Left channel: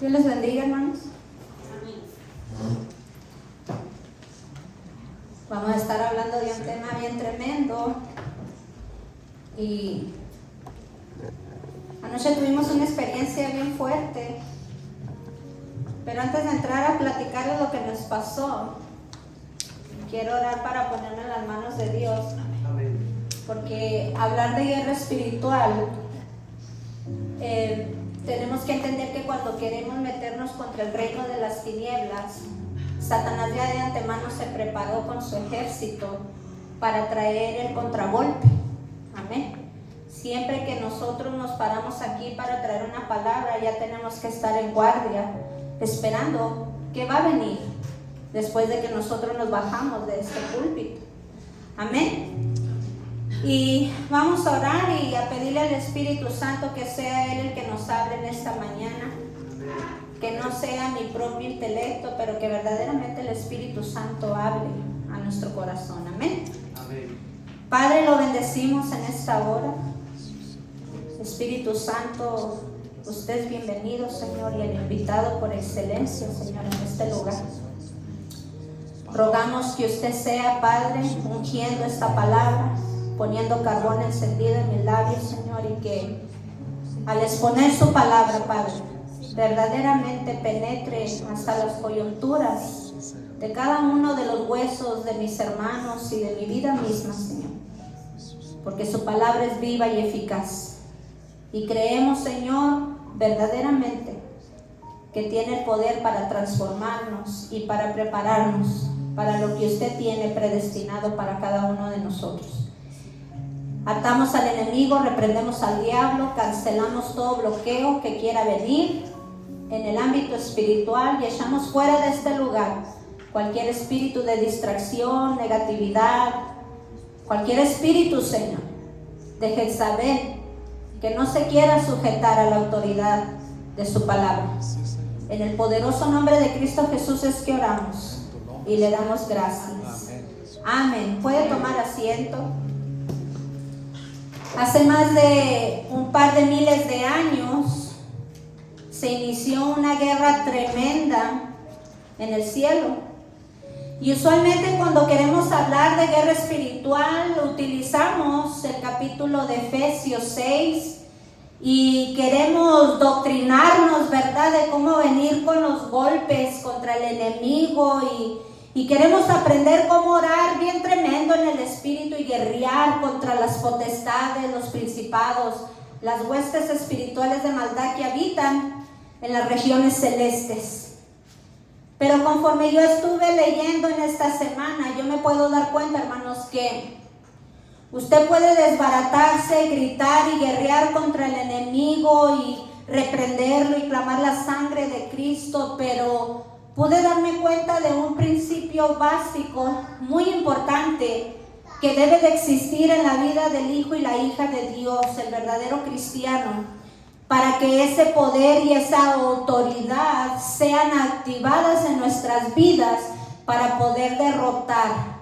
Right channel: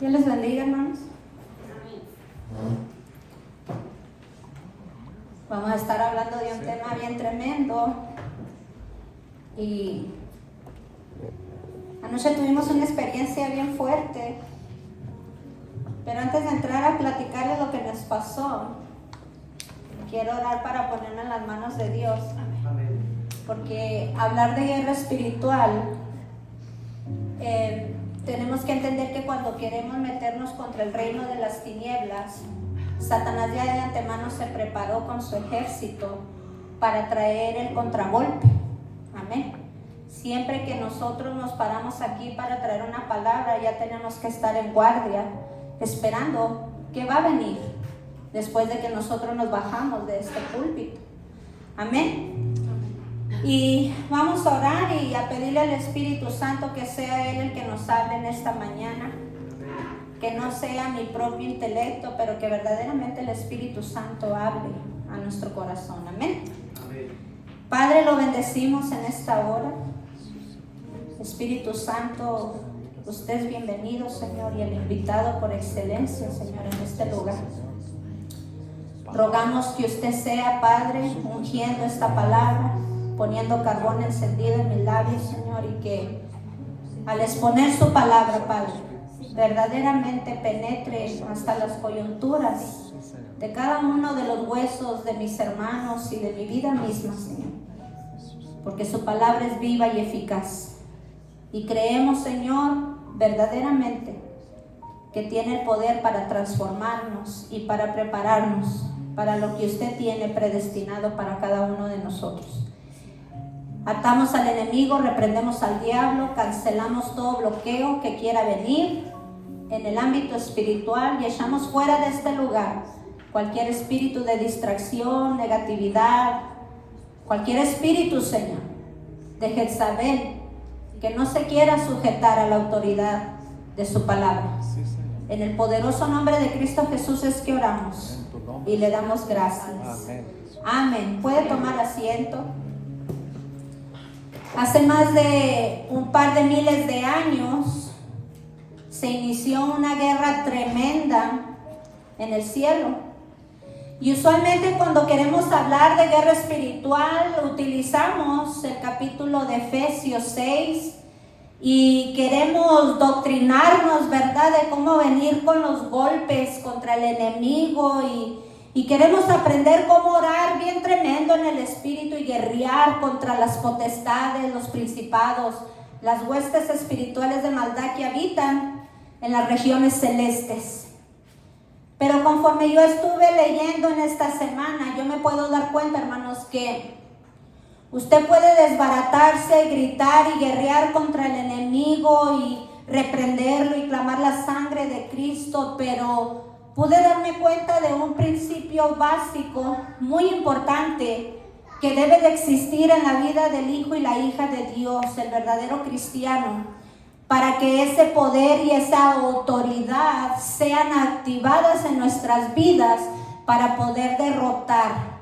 Dios les bendiga, hermanos. Vamos a estar hablando de un tema bien tremendo. Y anoche tuvimos una experiencia bien fuerte. Pero antes de entrar a platicarles lo que nos pasó, quiero orar para ponerme en las manos de Dios. Porque hablar de guerra espiritual, tenemos que entender que cuando queremos meternos contra el reino de las tinieblas, Satanás ya de antemano se preparó con su ejército para traer el contragolpe. Amén. Siempre que nosotros nos paramos aquí para traer una palabra, ya tenemos que estar en guardia, esperando que va a venir después de que nosotros nos bajamos de este púlpito. Amén. Y vamos a orar y a pedirle al Espíritu Santo que sea Él el que nos hable en esta mañana, que no sea mi propio intelecto, pero que verdaderamente el Espíritu Santo hable a nuestro corazón. Amén. Padre, lo bendecimos en esta hora. Espíritu Santo, usted es bienvenido, Señor, y el invitado por excelencia, Señor, en este lugar. Rogamos que usted sea, Padre, ungiendo esta palabra, poniendo carbón encendido en mis labios, Señor, y que al exponer su palabra, Padre, verdaderamente penetre hasta las coyunturas de cada uno de los huesos de mis hermanos y de mi vida misma, Señor, porque su palabra es viva y eficaz. Y creemos, Señor, verdaderamente que tiene el poder para transformarnos y para prepararnos para lo que usted tiene predestinado para cada uno de nosotros. Atamos al enemigo, reprendemos al diablo, cancelamos todo bloqueo que quiera venir en el ámbito espiritual y echamos fuera de este lugar cualquier espíritu de distracción, negatividad, cualquier espíritu, Señor, de Jezabel, que no se quiera sujetar a la autoridad de su palabra. En el poderoso nombre de Cristo Jesús es que oramos y le damos gracias. Amén. Puede tomar asiento. Hace más de un par de miles de años se inició una guerra tremenda en el cielo. Y usualmente cuando queremos hablar de guerra espiritual utilizamos el capítulo de Efesios 6 y queremos doctrinarnos, ¿verdad?, de cómo venir con los golpes contra el enemigo y queremos aprender cómo orar bien tremendo en el espíritu y guerrear contra las potestades, los principados, las huestes espirituales de maldad que habitan en las regiones celestes. Pero conforme yo estuve leyendo en esta semana, yo me puedo dar cuenta, hermanos, que usted puede desbaratarse, gritar y guerrear contra el enemigo y reprenderlo y clamar la sangre de Cristo, pero pude darme cuenta de un principio básico muy importante que debe de existir en la vida del hijo y la hija de Dios, el verdadero cristiano, para que ese poder y esa autoridad sean activadas en nuestras vidas para poder derrotar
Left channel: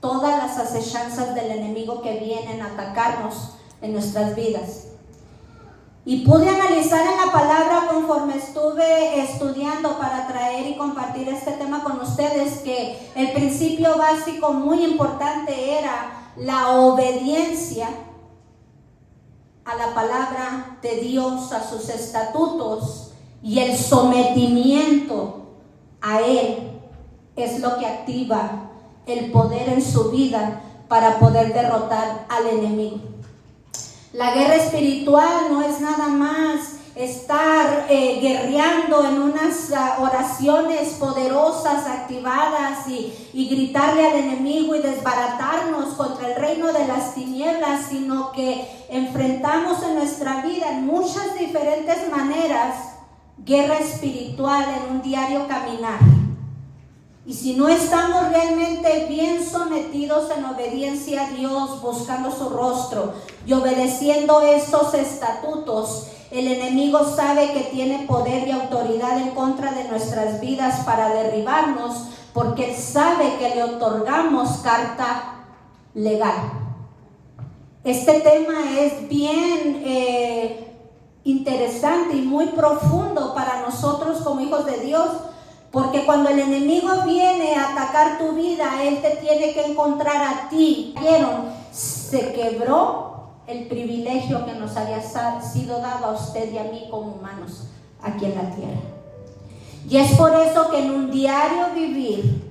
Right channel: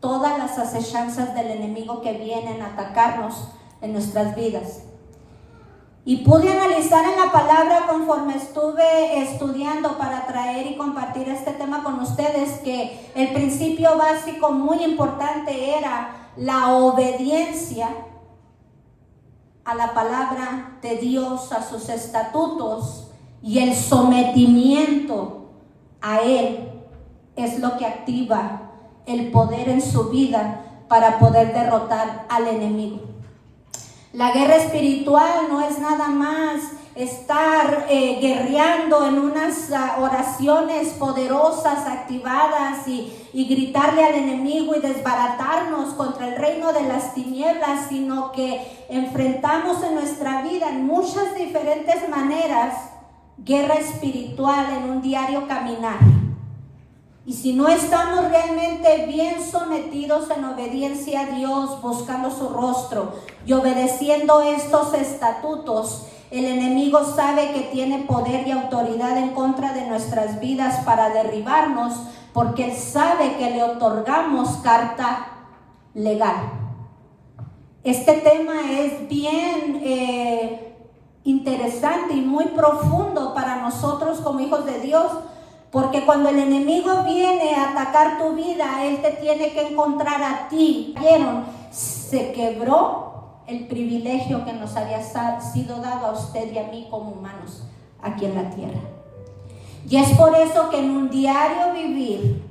todas las acechanzas del enemigo que vienen a atacarnos en nuestras vidas. Y pude analizar en la palabra conforme estuve estudiando para traer y compartir este tema con ustedes, que el principio básico muy importante era la obediencia a la palabra de Dios, a sus estatutos, y el sometimiento a Él es lo que activa el poder en su vida para poder derrotar al enemigo. La guerra espiritual no es nada más estar guerreando en unas oraciones poderosas, activadas y gritarle al enemigo y desbaratarnos contra el reino de las tinieblas, sino que enfrentamos en nuestra vida en muchas diferentes maneras guerra espiritual en un diario caminar. Y si no estamos realmente bien sometidos en obediencia a Dios, buscando su rostro y obedeciendo estos estatutos, el enemigo sabe que tiene poder y autoridad en contra de nuestras vidas para derribarnos, porque él sabe que le otorgamos carta legal. Este tema es bien interesante y muy profundo para nosotros como hijos de Dios, porque cuando el enemigo viene a atacar tu vida, él te tiene que encontrar a ti. Se quebró el privilegio que nos había sido dado a usted y a mí como humanos aquí en la tierra. Y es por eso que en un diario vivir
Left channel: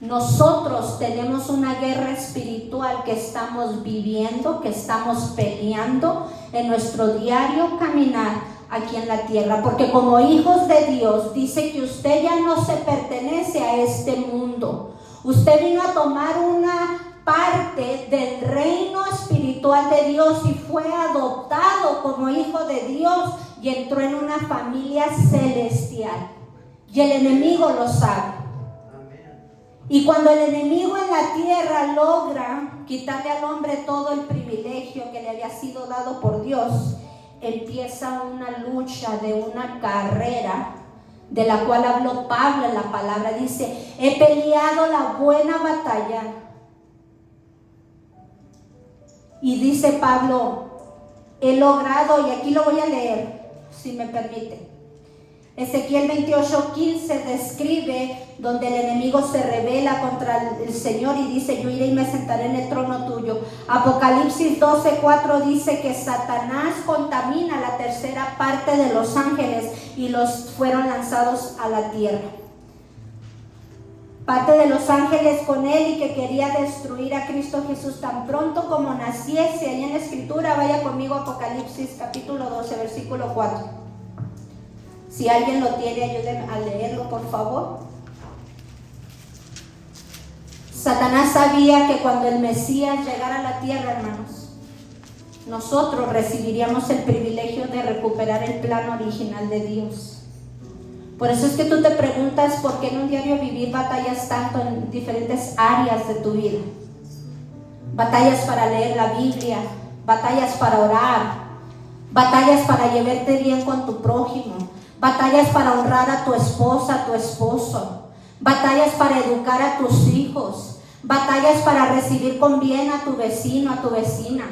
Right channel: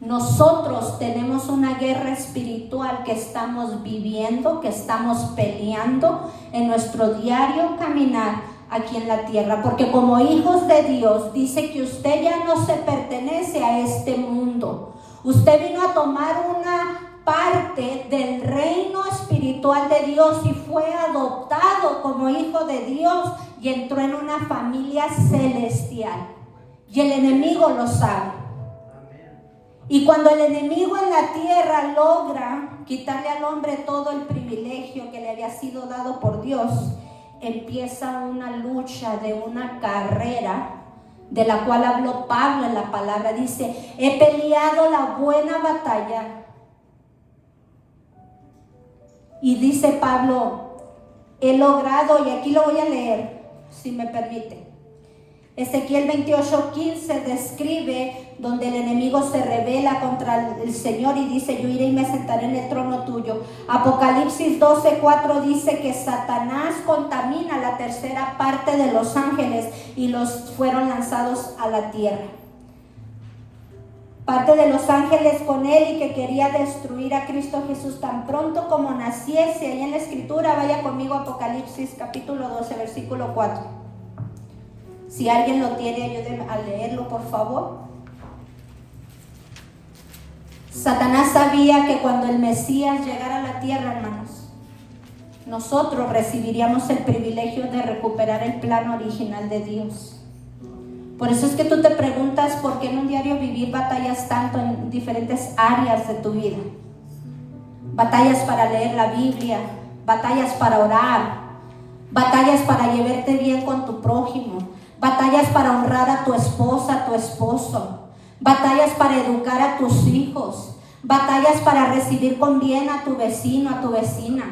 nosotros tenemos una guerra espiritual que estamos viviendo, que estamos peleando en nuestro diario caminar aquí en la tierra, porque como hijos de Dios dice que usted ya no se pertenece a este mundo. Usted vino a tomar una parte del reino espiritual de Dios y fue adoptado como hijo de Dios y entró en una familia celestial, y el enemigo lo sabe. Y cuando el enemigo en la tierra logra quitarle al hombre todo el privilegio que le había sido dado por Dios, empieza una lucha de una carrera de la cual habló Pablo en la palabra. Dice: he peleado la buena batalla. Y dice Pablo, he logrado, y aquí lo voy a leer, si me permite. Ezequiel 28:15 describe donde el enemigo se rebela contra el Señor y dice: yo iré y me sentaré en el trono tuyo. Apocalipsis 12:4 dice que Satanás contamina la tercera parte de los ángeles y los fueron lanzados a la tierra. Parte de los ángeles con él, y que quería destruir a Cristo Jesús tan pronto como naciese. Ahí en la escritura, vaya conmigo a Apocalipsis capítulo 12, versículo 4. Si alguien lo tiene, ayúdenme a leerlo, por favor. Satanás sabía que cuando el Mesías llegara a la tierra, hermanos, nosotros recibiríamos el privilegio de recuperar el plan original de Dios. Por eso es que tú te preguntas por qué en un diario vivir batallas tanto en diferentes áreas de tu vida. Batallas para leer la Biblia, batallas para orar, batallas para llevarte bien con tu prójimo, batallas para honrar a tu esposa, a tu esposo, batallas para educar a tus hijos, batallas para recibir con bien a tu vecino, a tu vecina,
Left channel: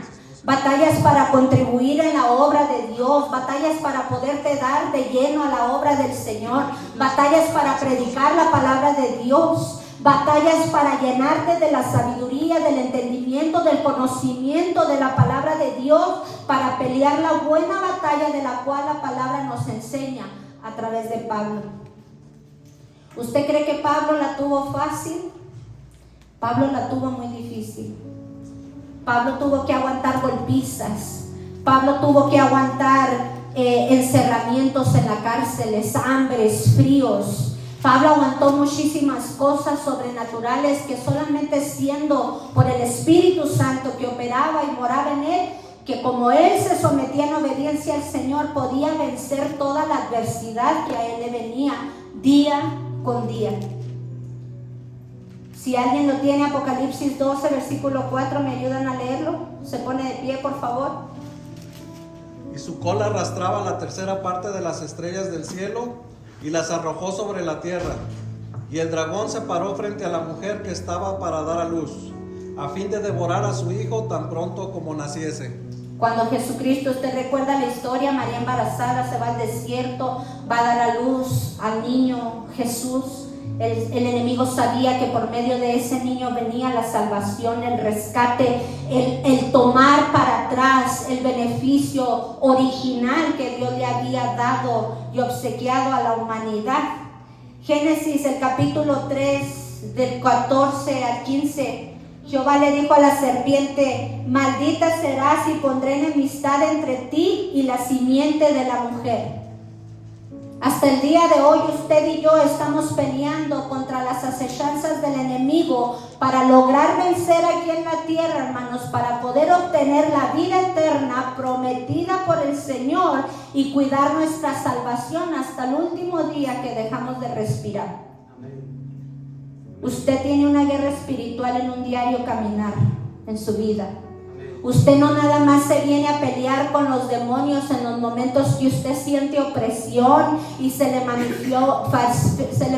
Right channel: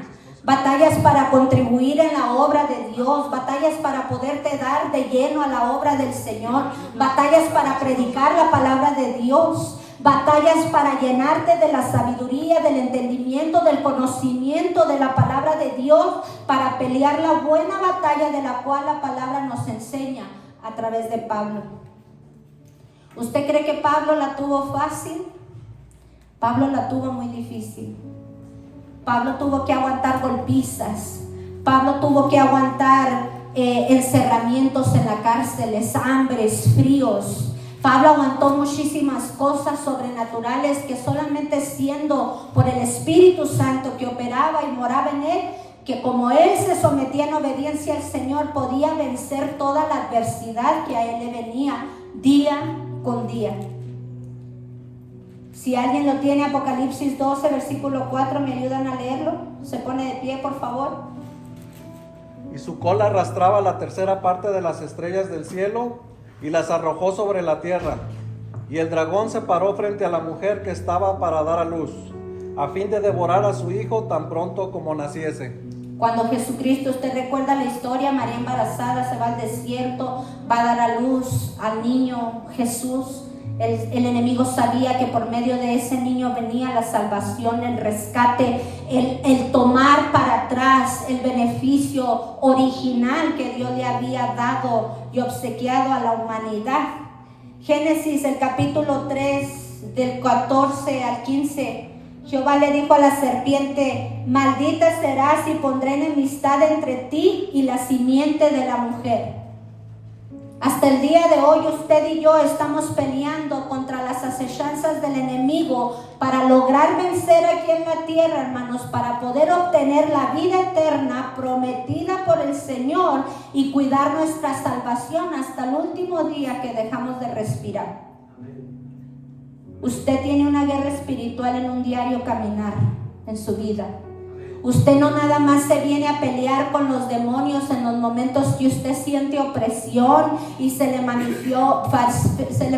batallas para contribuir en la obra de Dios, batallas para poderte dar de lleno a la obra del Señor, batallas para predicar la palabra de Dios, batallas para llenarte de la sabiduría, del entendimiento, del conocimiento de la palabra de Dios, para pelear la buena batalla de la cual la palabra nos enseña a través de Pablo. ¿Usted cree que Pablo la tuvo fácil? Pablo la tuvo muy difícil. Pablo tuvo que aguantar golpizas. Pablo tuvo que aguantar encerramientos en la cárcel, hambres, fríos. Pablo aguantó muchísimas cosas sobrenaturales que solamente siendo por el Espíritu Santo que operaba y moraba en él, que como él se sometía en obediencia al Señor, podía vencer toda la adversidad que a él le venía día con día. Si alguien lo tiene, Apocalipsis 12, versículo 4, ¿me ayudan a leerlo? Se pone de pie, por favor. Y su cola arrastraba la tercera parte de las estrellas del cielo y las arrojó sobre la tierra. Y el dragón se paró frente a la mujer que estaba para dar a luz, a fin de devorar a su hijo tan pronto como naciese. Cuando Jesucristo, usted recuerda la historia, María embarazada se va al desierto, va a dar a luz al niño Jesús. El enemigo sabía que por medio de ese niño venía la salvación, el rescate, el tomar para atrás el beneficio original que Dios le había dado y obsequiado a la humanidad. Génesis, el capítulo 3, del 14 al 15. Jehová le dijo a la serpiente: maldita serás y pondré enemistad entre ti y la simiente de la mujer. Hasta el día de hoy usted y yo estamos peleando contra las acechanzas del enemigo para lograr vencer aquí en la tierra, hermanos, para poder obtener la vida eterna prometida por el Señor y cuidar nuestra salvación hasta el último día que dejamos de respirar. Usted tiene una guerra espiritual en un diario caminar en su vida. Usted no nada más se viene a pelear con los demonios en los momentos que usted siente opresión y se le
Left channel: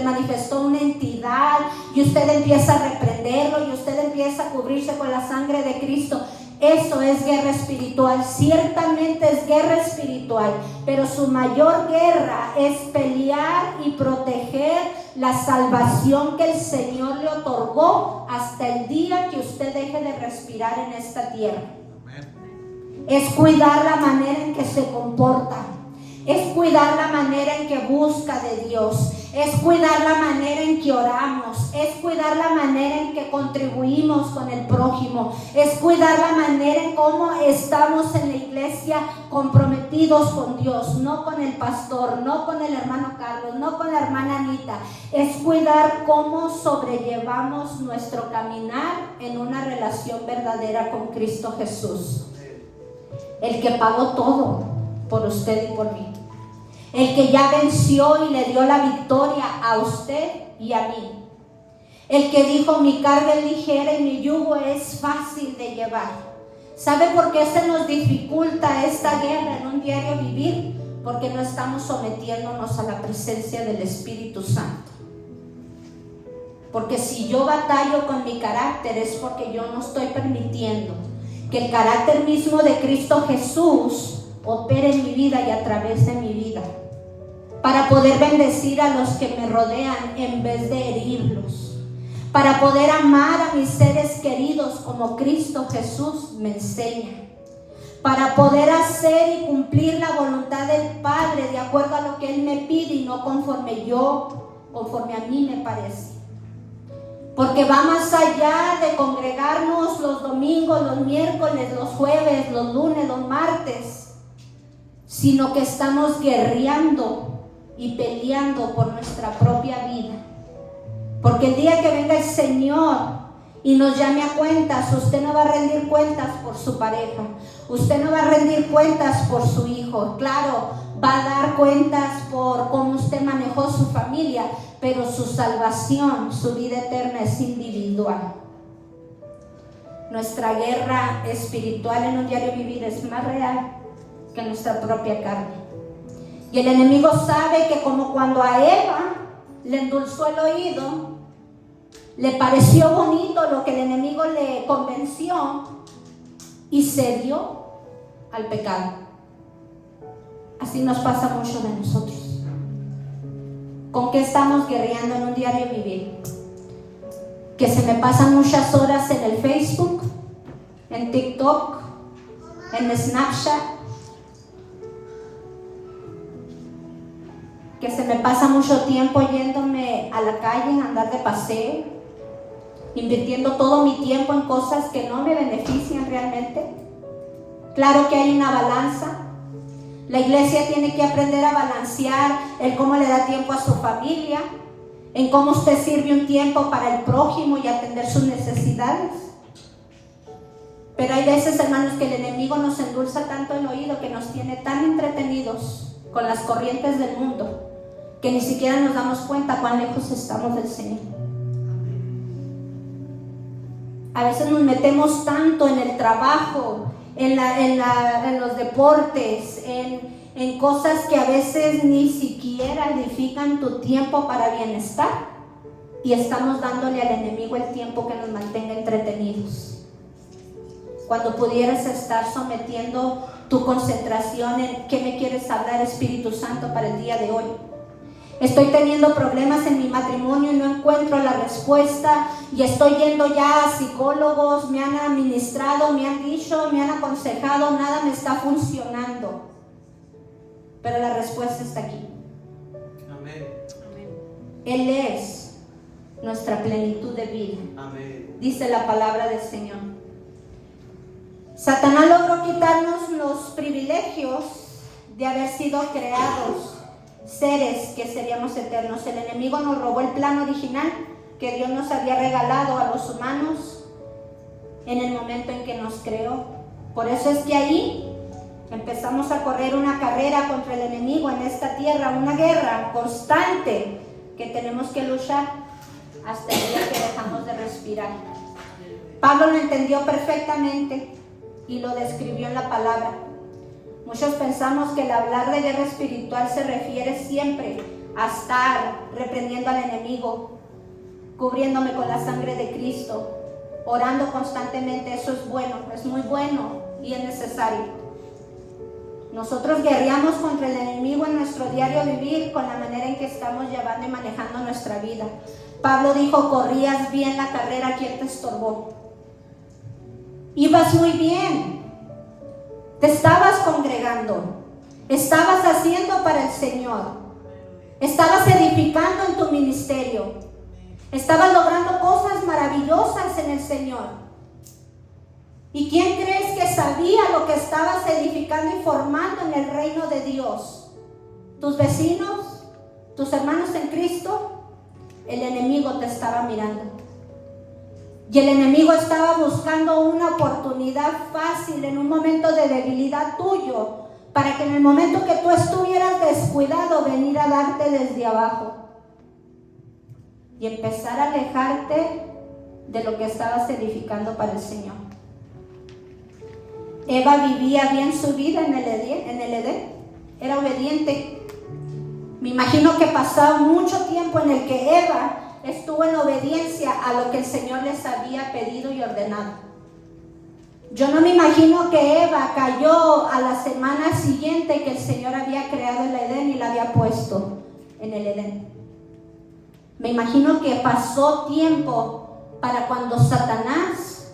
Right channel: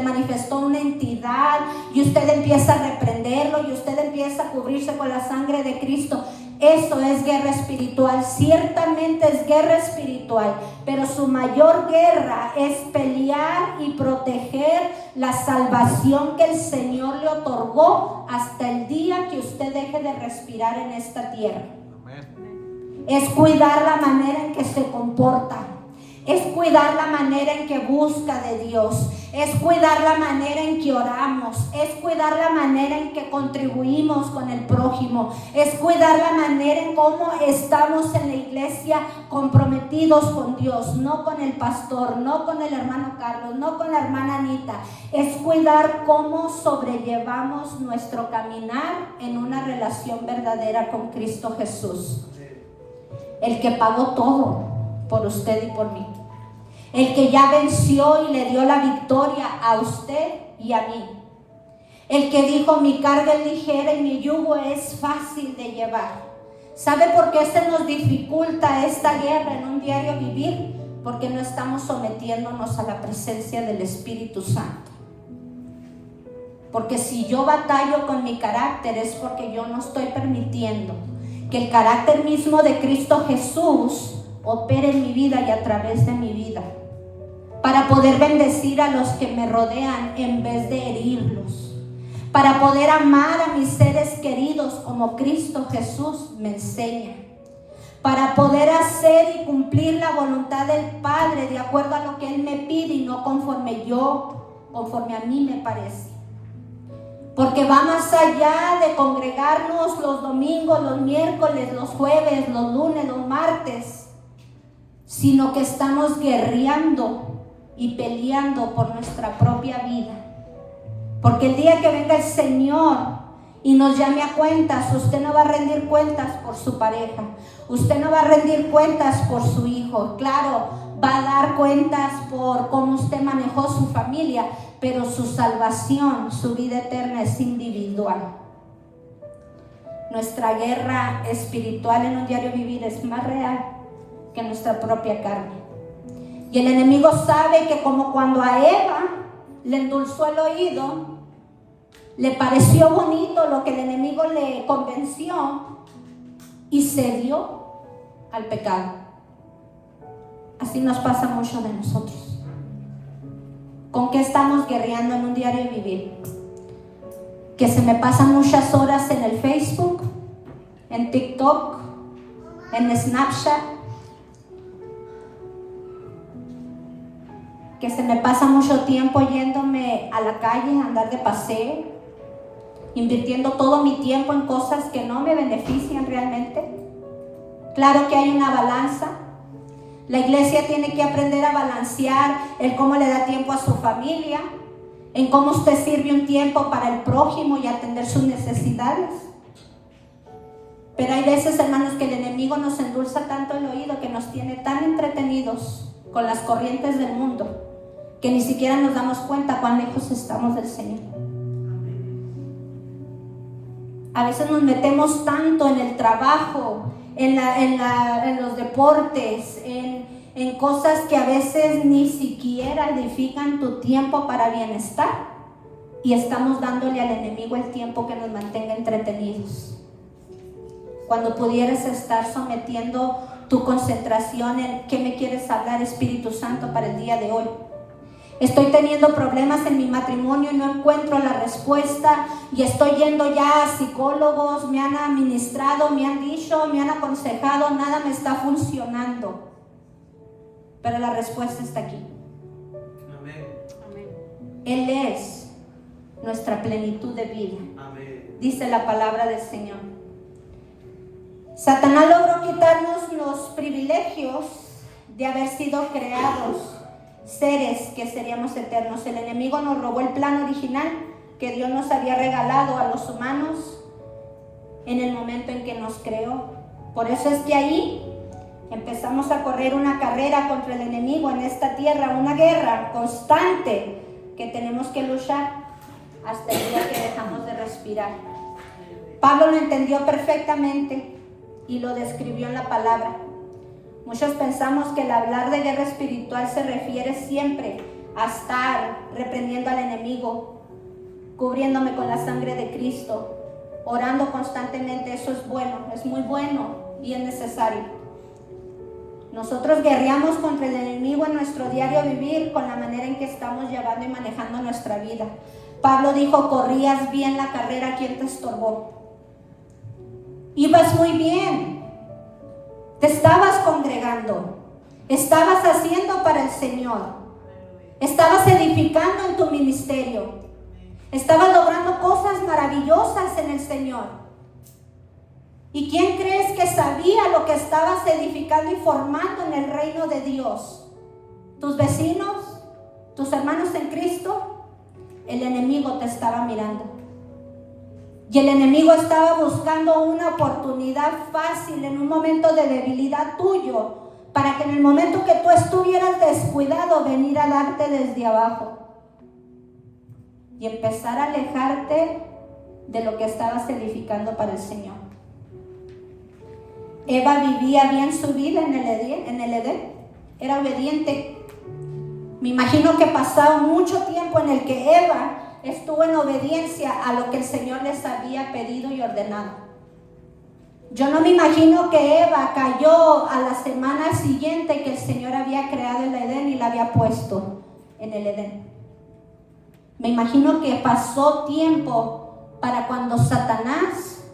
manifestó una entidad y usted empieza a reprenderlo y usted empieza a cubrirse con la sangre de Cristo. Eso es guerra espiritual, ciertamente es guerra espiritual, pero su mayor guerra es pelear y proteger la salvación que el Señor le otorgó hasta el día que usted deje de respirar en esta tierra. Es cuidar la manera en que se comporta, es cuidar la manera en que busca de Dios, es cuidar la manera en que oramos, es cuidar la manera en que contribuimos con el prójimo, es cuidar la manera en cómo estamos en la iglesia comprometidos con Dios, no con el pastor, no con el hermano Carlos, no con la hermana Anita. Es cuidar cómo sobrellevamos nuestro caminar en una relación verdadera con Cristo Jesús, el que pagó todo por usted y por mí, el que ya venció y le dio la victoria a usted y a mí, el que dijo: mi carga es ligera y mi yugo es fácil de llevar. ¿Sabe por qué se nos dificulta esta guerra en un diario vivir? Porque no estamos sometiéndonos a la presencia del Espíritu Santo. Porque si yo batallo con mi carácter es porque yo no estoy permitiendo que el carácter mismo de Cristo Jesús opere en mi vida y a través de mi vida, para poder bendecir a los que me rodean en vez de herirlos, para poder amar a mis seres queridos como Cristo Jesús me enseña, para poder hacer y cumplir la voluntad del Padre de acuerdo a lo que Él me pide y no conforme a mí me parece. Porque va más allá de congregarnos los domingos, los miércoles, los jueves, los lunes, los martes, sino que estamos guerreando y peleando por nuestra propia vida. Porque el día que venga el Señor y nos llame a cuentas, usted no va a rendir cuentas por su pareja, usted no va a rendir cuentas por su hijo. Claro, va a dar cuentas por cómo usted manejó su familia, pero su salvación, su vida eterna es individual. Nuestra guerra espiritual en un diario vivir es más real que nuestra propia carne. Y el enemigo sabe que como cuando a Eva le endulzó el oído, le pareció bonito lo que el enemigo le convenció y cedió al pecado. Así nos pasa mucho de nosotros. ¿Con qué estamos guerreando en un diario vivir? Que se me pasan muchas horas en el Facebook, en TikTok, en Snapchat, que se me pasa mucho tiempo yéndome a la calle, a andar de paseo, invirtiendo todo mi tiempo en cosas que no me benefician realmente. Claro que hay una balanza. La iglesia tiene que aprender a balancear el cómo le da tiempo a su familia, en cómo usted sirve un tiempo para el prójimo y atender sus necesidades. Pero hay veces, hermanos, que el enemigo nos endulza tanto el oído, que nos tiene tan entretenidos con las corrientes del mundo, que ni siquiera nos damos cuenta cuán lejos estamos del Señor. A veces nos metemos tanto en el trabajo, en los deportes, en cosas que a veces ni siquiera edifican tu tiempo para bienestar, y estamos dándole al enemigo el tiempo que nos mantenga entretenidos, cuando pudieras estar sometiendo tu concentración en qué me quieres hablar, Espíritu Santo, para el día de hoy. Estoy teniendo problemas en mi matrimonio y no encuentro la respuesta, y estoy yendo ya a psicólogos, me han administrado, me han dicho, me han aconsejado, nada me está funcionando. Pero la respuesta está aquí. Amén. Él es nuestra plenitud de vida. Amén. Dice la palabra del Señor. Satanás logró quitarnos los privilegios de haber sido creados seres que seríamos eternos. El enemigo nos robó el plan original que Dios nos había regalado a los humanos en el momento en que nos creó. Por eso es que ahí empezamos a correr una carrera contra el enemigo en esta tierra, una guerra constante que tenemos que luchar hasta el día que dejamos de respirar. Pablo lo entendió perfectamente y lo describió en la palabra. Muchos pensamos que el hablar de guerra espiritual se refiere siempre a estar reprendiendo al enemigo, cubriéndome con la sangre de Cristo, orando constantemente, eso es bueno, es muy bueno y es necesario. Nosotros guerreamos contra el enemigo en nuestro diario vivir con la manera en que estamos llevando y manejando nuestra vida. Pablo dijo, corrías bien la carrera, ¿quién te estorbó? Ibas muy bien, te estabas congregando, estabas haciendo para el Señor, estabas edificando en tu ministerio, estabas logrando cosas maravillosas en el Señor. ¿Y quién crees que sabía lo que estabas edificando y formando en el reino de Dios? ¿Tus vecinos? ¿Tus hermanos en Cristo? El enemigo te estaba mirando. Y el enemigo estaba buscando una oportunidad fácil en un momento de debilidad tuyo, para que en el momento que tú estuvieras descuidado, venir a darte desde abajo y empezar a alejarte de lo que estabas edificando para el Señor. Eva vivía bien su vida en el Edén, era obediente. Me imagino que pasaba mucho tiempo en el que Eva estuvo en obediencia a lo que el Señor les había pedido y ordenado. Yo no me imagino que Eva cayó a la semana siguiente que el Señor había creado el Edén y la había puesto en el Edén. Me imagino que pasó tiempo para cuando Satanás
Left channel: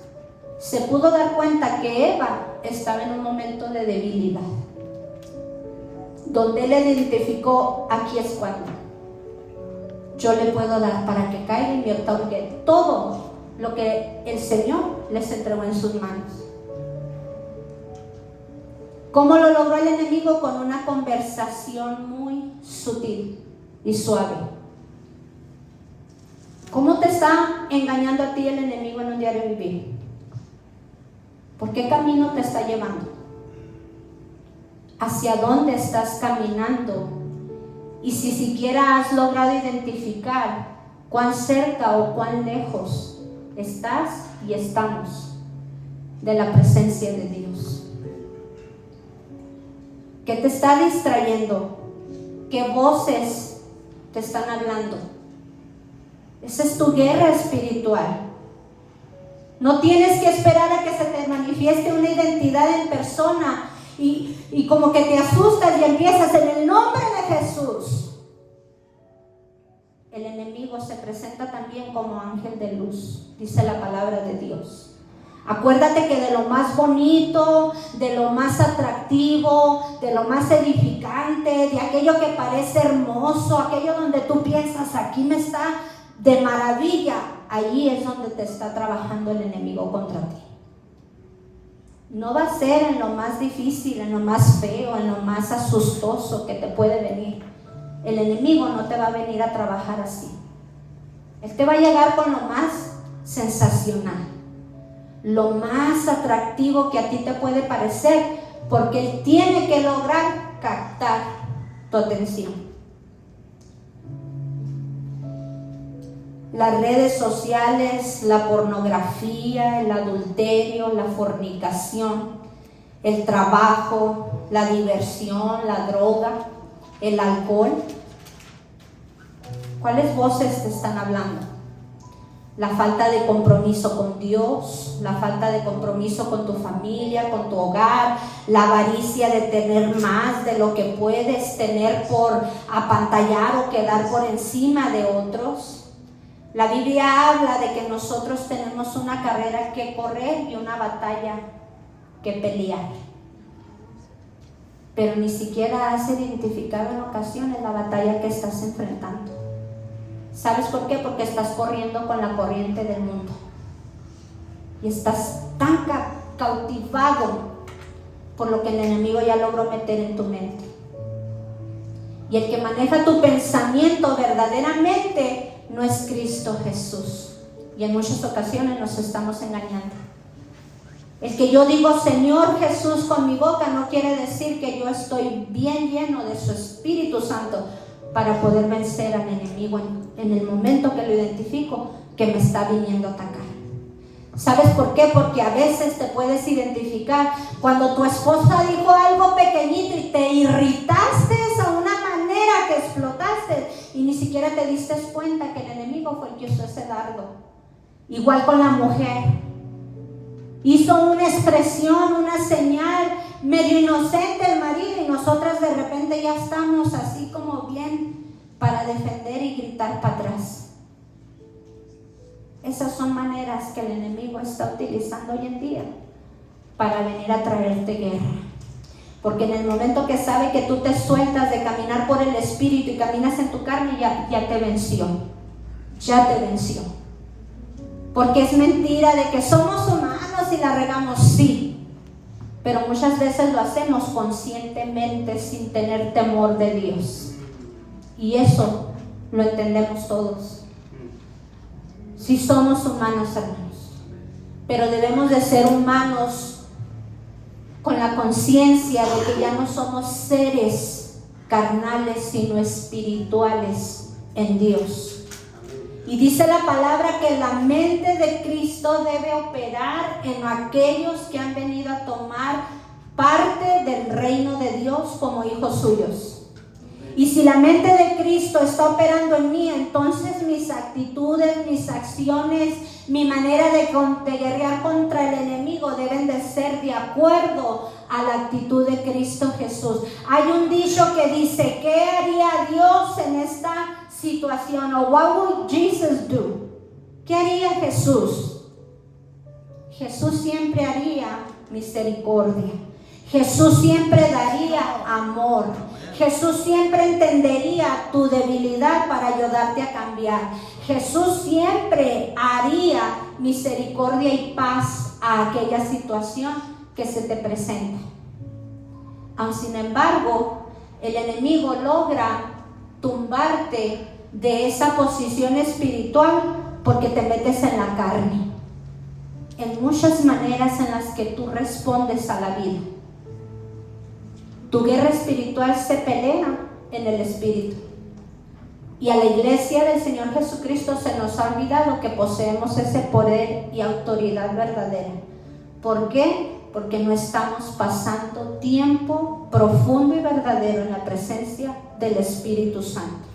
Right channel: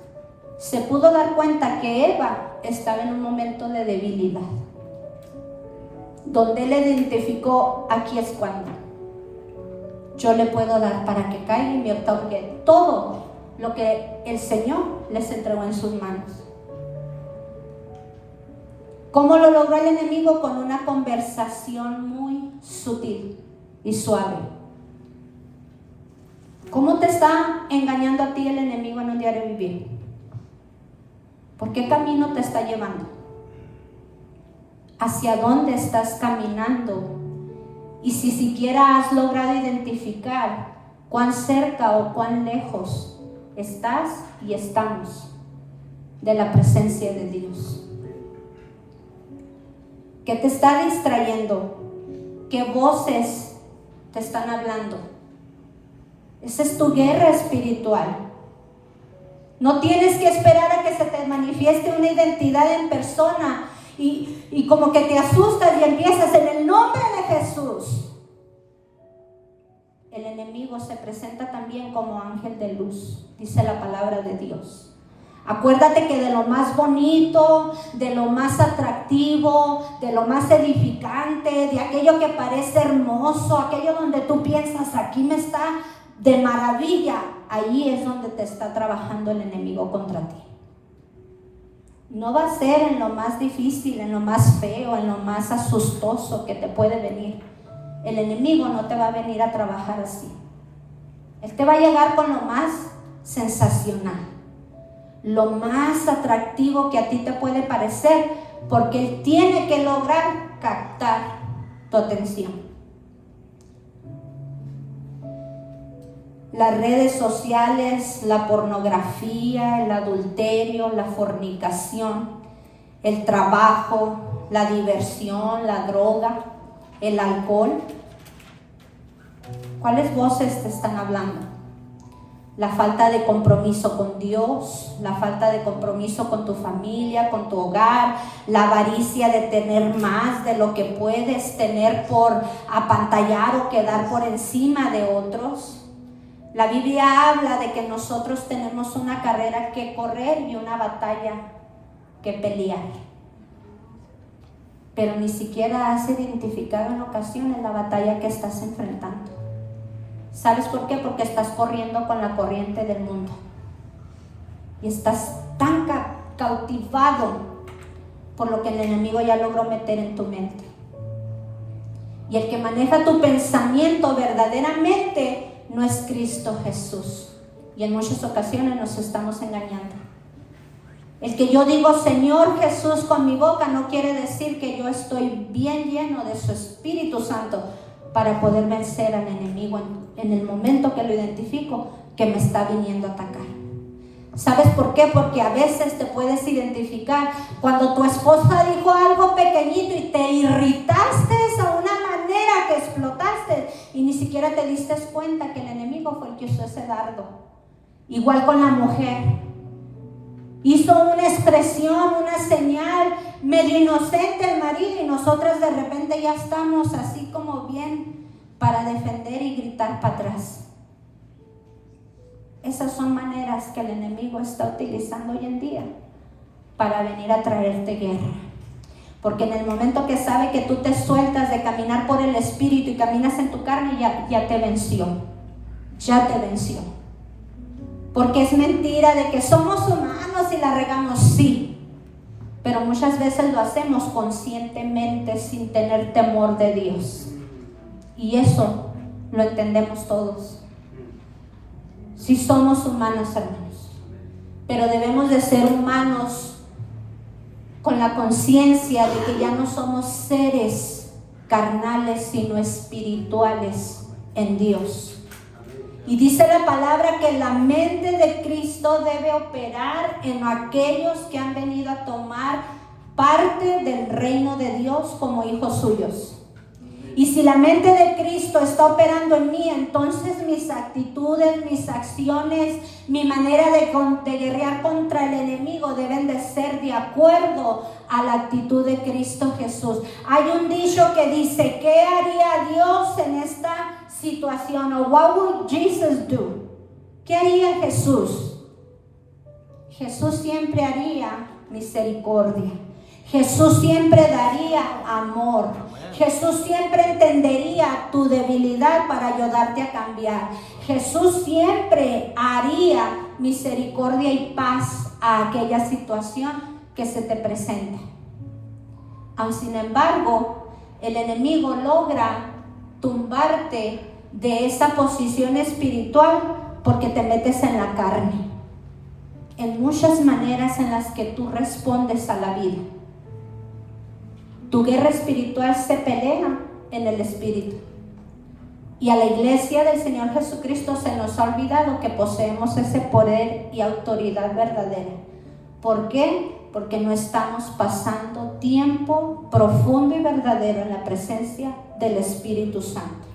se pudo dar cuenta que Eva estaba en un momento de debilidad, donde él identificó, aquí es cuando yo le puedo dar para que caiga y me otorgue todo lo que el Señor les entregó en sus manos. ¿Cómo lo logró el enemigo? Con una conversación muy sutil y suave. ¿Cómo te está engañando a ti el enemigo en un diario vivir? ¿Por qué camino te está llevando? ¿Hacia dónde estás caminando? Y si siquiera has logrado identificar cuán cerca o cuán lejos estás y estamos de la presencia de Dios. ¿Qué te está distrayendo? ¿Qué voces te están hablando? Esa es tu guerra espiritual. No tienes que esperar a que se te manifieste una identidad en persona y como que te asustas y empiezas en el nombre de Jesús. El enemigo se presenta también como ángel de luz, dice la palabra de Dios. Acuérdate que de lo más bonito, de lo más atractivo, de lo más edificante, de aquello que parece hermoso, aquello donde tú piensas, aquí me está de maravilla, ahí es donde te está trabajando el enemigo contra ti. No va a ser en lo más difícil, en lo más feo, en lo más asustoso que te puede venir. El enemigo no te va a venir a trabajar así. Él te va a llegar con lo más sensacional, lo más atractivo que a ti te puede parecer, porque él tiene que lograr captar tu atención. Las redes sociales, la pornografía, el adulterio, la fornicación, el trabajo, la diversión, la droga, el alcohol. ¿Cuáles voces te están hablando? La falta de compromiso con Dios, la falta de compromiso con tu familia, con tu hogar, la avaricia de tener más de lo que puedes tener por apantallar o quedar por encima de otros. La Biblia habla de que nosotros tenemos una carrera que correr y una batalla que pelear. Pero ni siquiera has identificado en ocasiones la batalla que estás enfrentando. ¿Sabes por qué? Porque estás corriendo con la corriente del mundo. Y estás tan cautivado por lo que el enemigo ya logró meter en tu mente. Y el que maneja tu pensamiento verdaderamente no es Cristo Jesús. Y en muchas ocasiones nos estamos engañando. El que yo digo Señor Jesús con mi boca no quiere decir que yo estoy bien lleno de su Espíritu Santo para poder vencer al enemigo en el momento que lo identifico que me está viniendo a atacar. ¿Sabes por qué? Porque a veces te puedes identificar cuando tu esposa dijo algo pequeñito y te irritaste a una manera que explotaste y ni siquiera te diste cuenta que el enemigo fue el que usó ese dardo. Igual con la mujer. Hizo una expresión, una señal medio inocente el marido y nosotras de repente ya estamos así como bien para defender y gritar para atrás. Esas son maneras que el enemigo está utilizando hoy en día para venir a traerte guerra. Porque en el momento que sabe que tú te sueltas de caminar por el Espíritu y caminas en tu carne, ya te venció. Ya te venció. Porque es mentira de que somos humanos y la regamos, sí. Pero muchas veces lo hacemos conscientemente sin tener temor de Dios. Y eso lo entendemos todos. Sí somos humanos, hermanos. Pero debemos de ser humanos con la conciencia de que ya no somos seres carnales, sino espirituales en Dios. Y dice la palabra que la mente de Cristo debe operar en aquellos que han venido a tomar parte del reino de Dios como hijos suyos. Y si la mente de Cristo está operando en mí, entonces mis actitudes, mis acciones, mi manera de guerrear contra el enemigo deben de ser de acuerdo a la actitud de Cristo Jesús. Hay un dicho que dice, ¿qué haría Dios en esta situación? O what would Jesus do? ¿Qué haría Jesús? Jesús siempre haría misericordia. Jesús siempre daría amor. Jesús siempre entendería tu debilidad para ayudarte a cambiar. Jesús siempre haría misericordia y paz a aquella situación que se te presenta. Aun sin embargo, el enemigo logra tumbarte de esa posición espiritual porque te metes en la carne. En muchas maneras en las que tú respondes a la vida. Tu guerra espiritual se pelea en el espíritu. Y a la iglesia del Señor Jesucristo se nos ha olvidado que poseemos ese poder y autoridad verdadera. ¿Por qué? Porque no estamos pasando tiempo profundo y verdadero en la presencia del Espíritu Santo.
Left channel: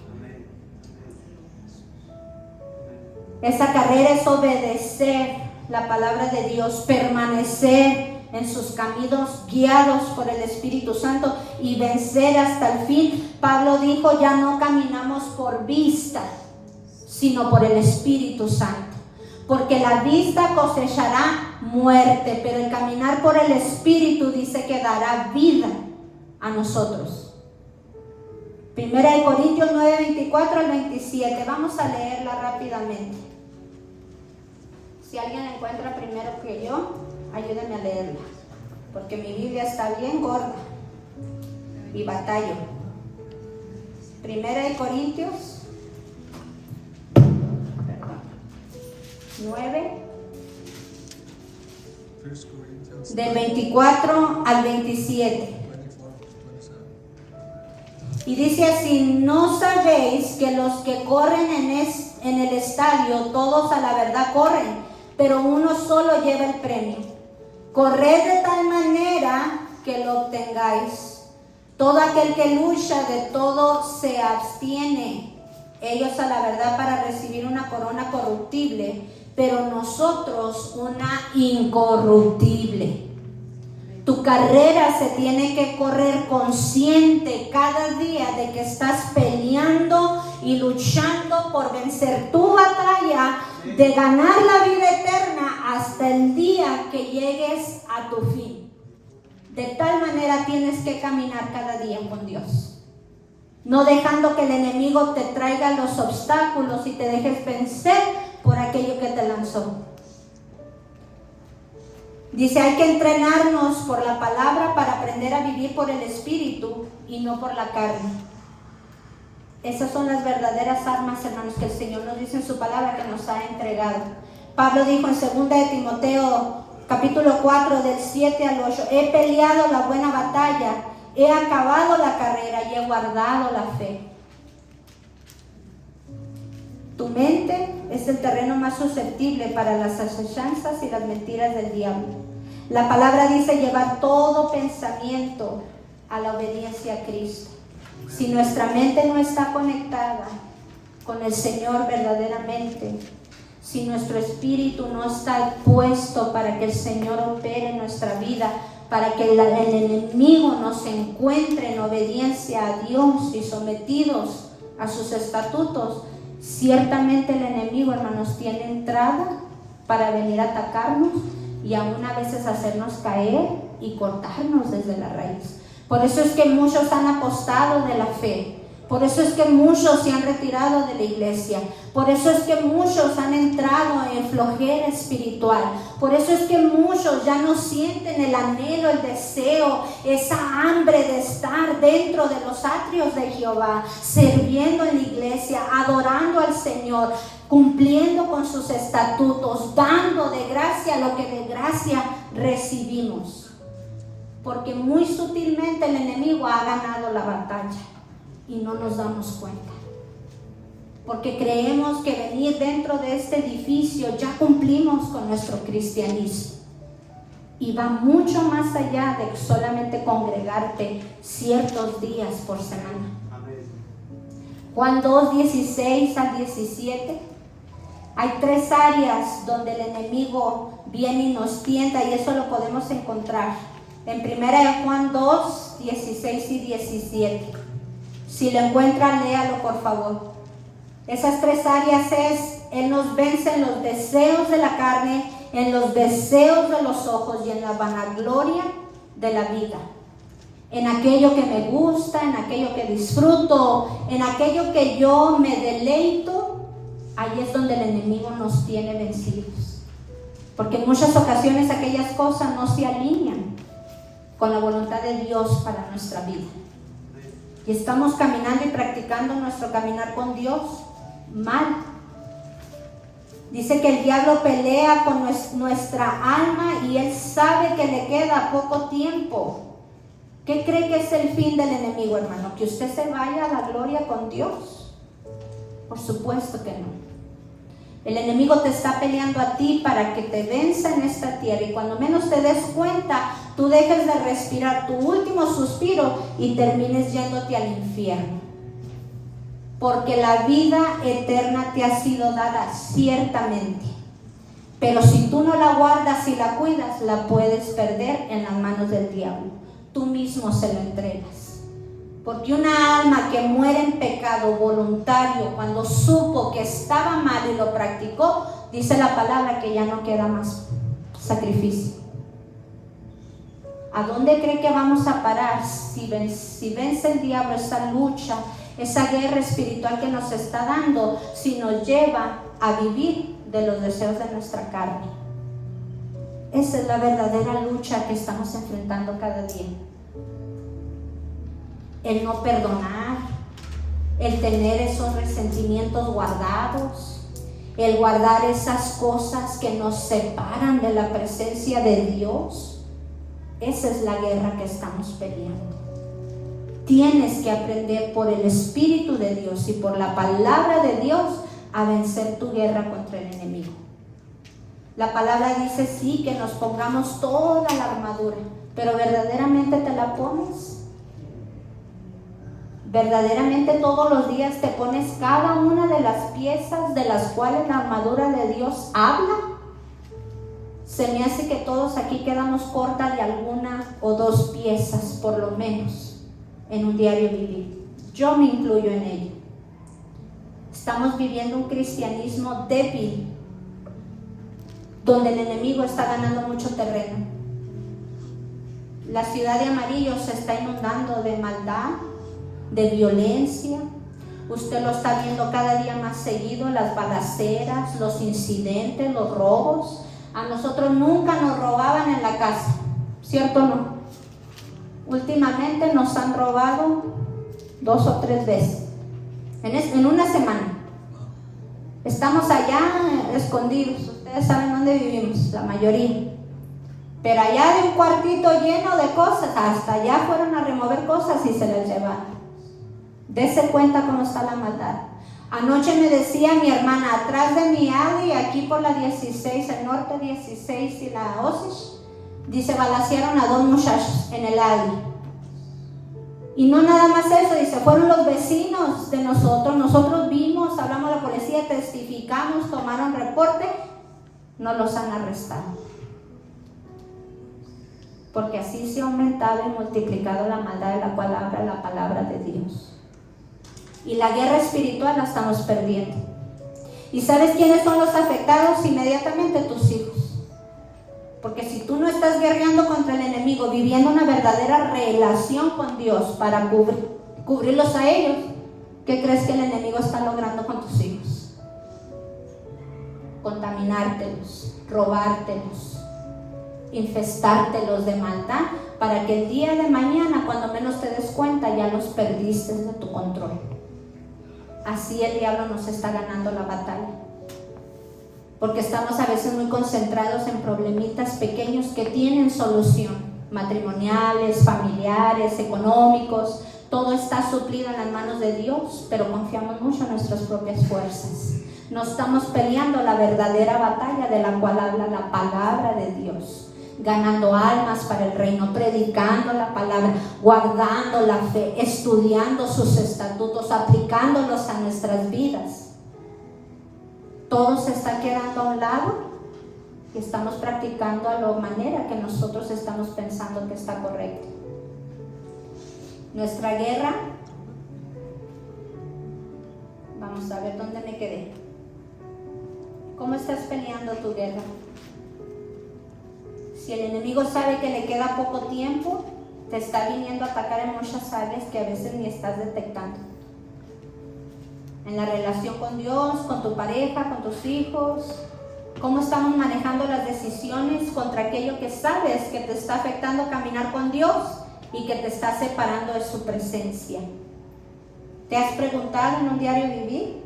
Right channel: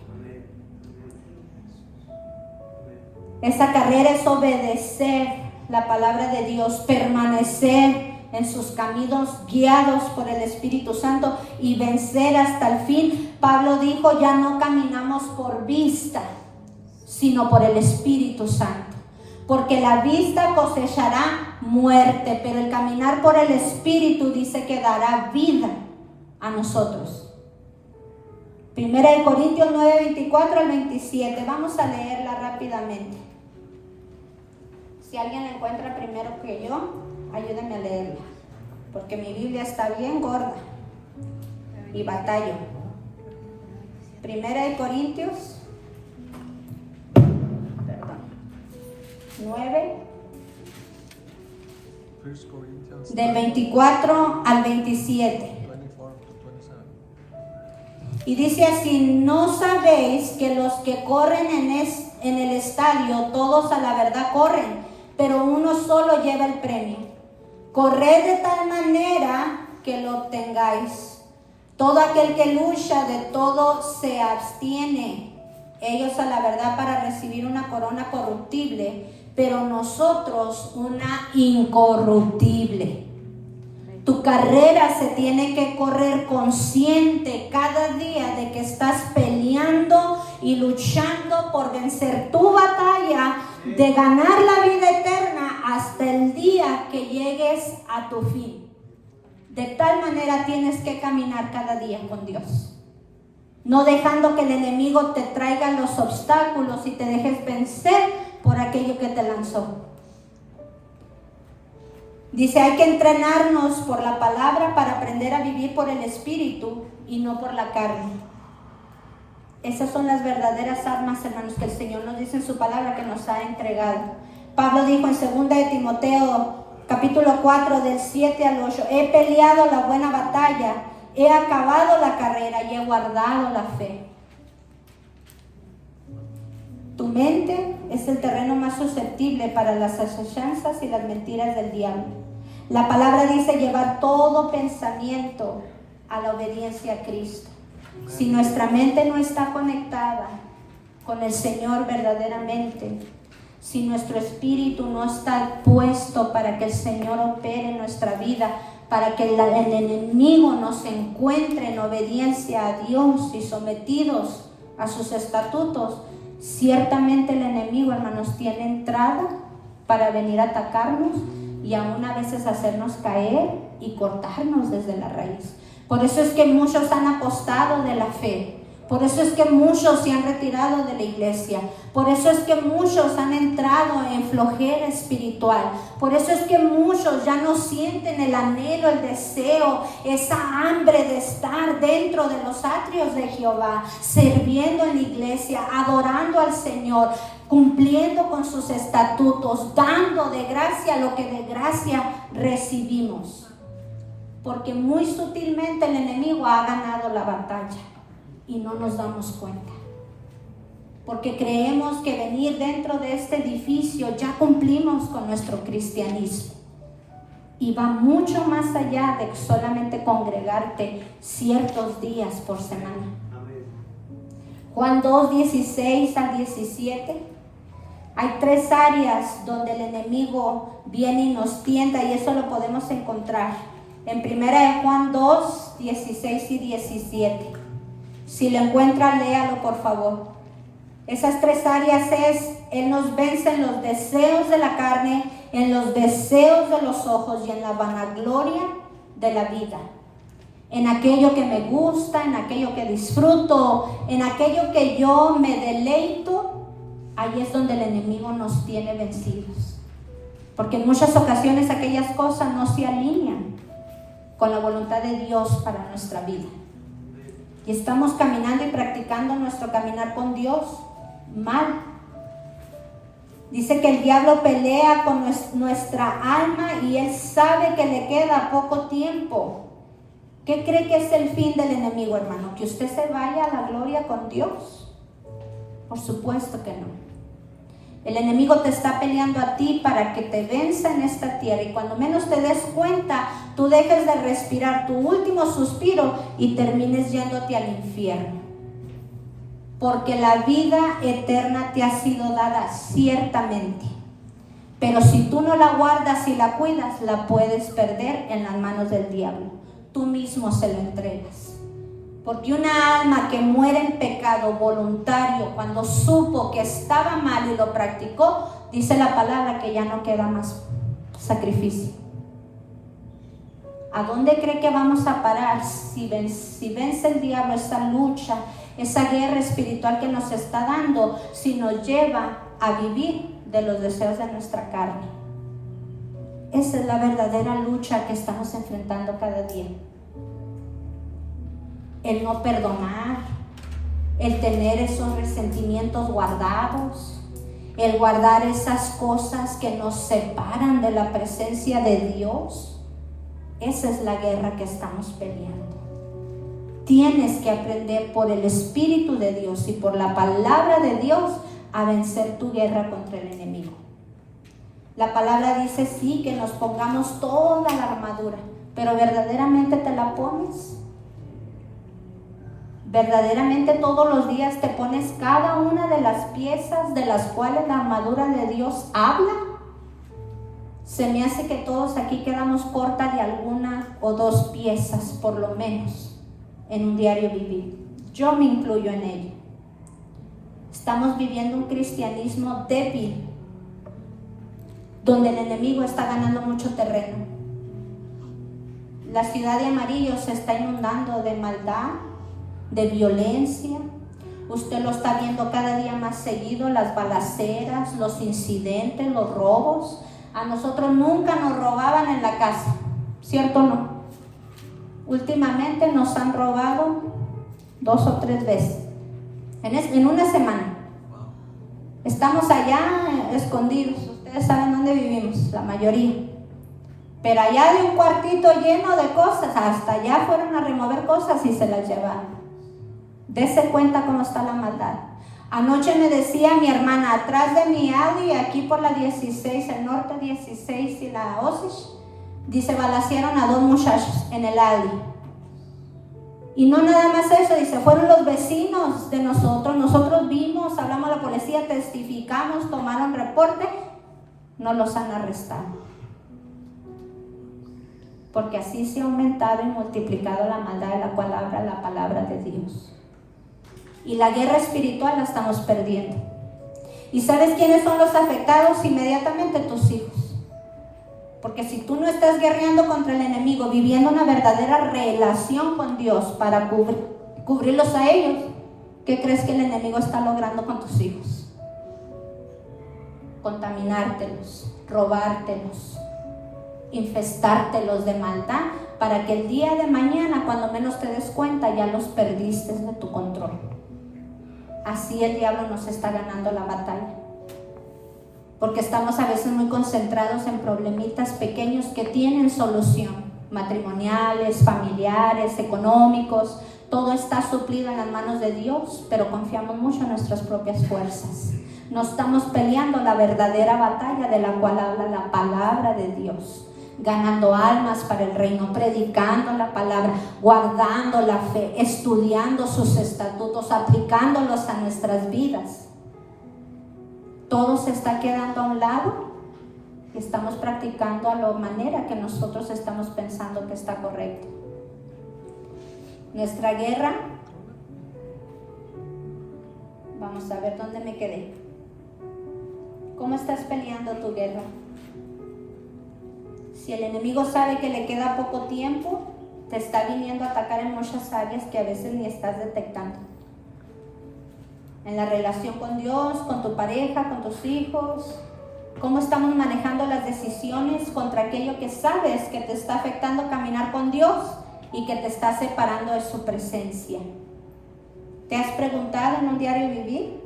Esa carrera es obedecer la palabra de Dios, permanecer en sus caminos guiados por el Espíritu Santo y vencer hasta el fin. Pablo dijo, ya no caminamos por vista, sino por el Espíritu Santo. Porque la vista cosechará muerte, pero el caminar por el Espíritu dice que dará vida a nosotros. 1 Corintios 9, 24 al 27. Vamos a leerla rápidamente. Si alguien la encuentra primero que yo, ayúdenme a leerla, porque mi Biblia está bien gorda y batallo. 1 Corintios 9, del 24 al 27. Y dice así, ¿no sabéis que los que corren en el estadio, todos a la verdad corren, pero uno solo lleva el premio? Corred de tal manera que lo obtengáis. Todo aquel que lucha de todo se abstiene, ellos a la verdad para recibir una corona corruptible, pero nosotros una incorruptible. Tu carrera se tiene que correr consciente cada día de que estás peleando y luchando por vencer tu batalla de ganar la vida eterna hasta el día que llegues a tu fin. De tal manera tienes que caminar cada día con Dios, no dejando que el enemigo te traiga los obstáculos y te dejes vencer por aquello que te lanzó. Dice, hay que entrenarnos por la palabra para aprender a vivir por el Espíritu y no por la carne. Esas son las verdaderas armas, hermanos, que el Señor nos dice en su palabra que nos ha entregado. Pablo dijo en 2 de Timoteo, capítulo 4, del 7 al 8, he peleado la buena batalla, he acabado la carrera y he guardado la fe. Tu mente es el terreno más susceptible para las asechanzas y las mentiras del diablo. La palabra dice llevar todo pensamiento a la obediencia a Cristo. Si nuestra mente no está conectada con el Señor verdaderamente, si nuestro espíritu no está puesto para que el Señor opere en nuestra vida, para que el enemigo nos encuentre en obediencia a Dios y sometidos a sus estatutos, ciertamente el enemigo, hermanos, tiene entrada para venir a atacarnos y aún a veces hacernos caer y cortarnos desde la raíz. Por eso es que muchos han apostado de la fe. Por eso es que muchos se han retirado de la iglesia. Por eso es que muchos han entrado en flojera espiritual. Por eso es que muchos ya no sienten el anhelo, el deseo, esa hambre de estar dentro de los atrios de Jehová, sirviendo en la iglesia, adorando al Señor, cumpliendo con sus estatutos, dando de gracia lo que de gracia recibimos. Porque muy sutilmente el enemigo ha ganado la batalla y no nos damos cuenta. Porque creemos que venir dentro de este edificio ya cumplimos con nuestro cristianismo. Y va mucho más allá de solamente congregarte ciertos días por semana. Juan 2, 16 al 17. Hay 3 áreas donde el enemigo viene y nos tienta, y eso lo podemos encontrar en 1 Juan 2, 16 y 17. Si lo encuentra, léalo por favor. Esas 3 áreas es: Él nos vence en los deseos de la carne, en los deseos de los ojos y en la vanagloria de la vida. En aquello que me gusta, en aquello que disfruto, en aquello que yo me deleito, ahí es donde el enemigo nos tiene vencidos. Porque en muchas ocasiones aquellas cosas no se alinean con la voluntad de Dios para nuestra vida. Y estamos caminando y practicando nuestro caminar con Dios mal. Dice que el diablo pelea con nuestra alma y él sabe que le queda poco tiempo. ¿Qué cree que es el fin del enemigo, hermano? ¿Que usted se vaya a la gloria con Dios? Por supuesto que no. El enemigo te está peleando a ti para que te venza en esta tierra, y cuando menos te des cuenta, tú dejes de respirar tu último suspiro y termines yéndote al infierno. Porque la vida eterna te ha sido dada ciertamente, pero si tú no la guardas y la cuidas, la puedes perder en las manos del diablo. Tú mismo se la entregas. Porque una alma que muere en pecado voluntario, cuando supo que estaba mal y lo practicó, dice la palabra que ya no queda más sacrificio. ¿A dónde cree que vamos a parar si vence el diablo esa lucha, esa guerra espiritual que nos está dando, si nos lleva a vivir de los deseos de nuestra carne? Esa es la verdadera lucha que estamos enfrentando cada día. El no perdonar, el tener esos resentimientos guardados, el guardar esas cosas que nos separan de la presencia de Dios. Esa es la guerra que estamos peleando. Tienes que aprender por el Espíritu de Dios y por la palabra de Dios a vencer tu guerra contra el enemigo. La palabra dice sí que nos pongamos toda la armadura, pero ¿verdaderamente te la pones? ¿Verdaderamente todos los días te pones cada una de las piezas de las cuales la armadura de Dios habla? Se me hace que todos aquí quedamos cortas de alguna o 2 piezas, por lo menos, en un diario vivir. Yo me incluyo en ello. Estamos viviendo un cristianismo débil, donde el enemigo está ganando mucho terreno. La ciudad de Amarillo se está inundando de maldad, de violencia. Usted lo está viendo cada día más seguido, las balaceras, los incidentes, los robos. A nosotros nunca nos robaban en la casa, ¿cierto o no? Últimamente nos han robado 2 o 3 veces en una semana. Estamos allá escondidos, ustedes saben dónde vivimos, la mayoría. Pero allá de un cuartito lleno de cosas, hasta allá fueron a remover cosas y se las llevaron. Dese cuenta cómo está la maldad. Anoche me decía mi hermana, atrás de mi alley, aquí por la 16, el norte 16 y la Osage, dice, balacearon a 2 muchachos en el alley. Y no nada más eso, dice, fueron los vecinos de nosotros vimos, hablamos a la policía, testificamos, tomaron reporte, no los han arrestado. Porque así se ha aumentado y multiplicado la maldad de la cual habla la palabra de Dios. Y la guerra espiritual la estamos perdiendo. ¿Y sabes quiénes son los afectados? Inmediatamente tus hijos. Porque si tú no estás guerreando contra el enemigo, viviendo una verdadera relación con Dios para cubrirlos a ellos, ¿qué crees que el enemigo está logrando con tus hijos? Contaminártelos, robártelos, infestártelos de maldad, para que el día de mañana, cuando menos te des cuenta, ya los perdiste de tu control. Así el diablo nos está ganando la batalla. Porque estamos a veces muy concentrados en problemitas pequeños que tienen solución, matrimoniales, familiares, económicos. Todo está suplido en las manos de Dios, pero confiamos mucho en nuestras propias fuerzas. No estamos peleando la verdadera batalla de la cual habla la palabra de Dios, ganando almas para el reino, predicando la palabra, guardando la fe, estudiando sus estatutos, aplicándolos a nuestras vidas. Todo se está quedando a un lado y estamos practicando a la manera que nosotros estamos pensando que está correcto. Nuestra guerra, vamos a ver dónde me quedé. ¿Cómo estás peleando tu guerra? Si el enemigo sabe que le queda poco tiempo, te está viniendo a atacar en muchas áreas que a veces ni estás detectando. En la relación con Dios, con tu pareja, con tus hijos. ¿Cómo estamos manejando las decisiones contra aquello que sabes que te está afectando caminar con Dios y que te está separando de su presencia? ¿Te has preguntado en un diario vivir?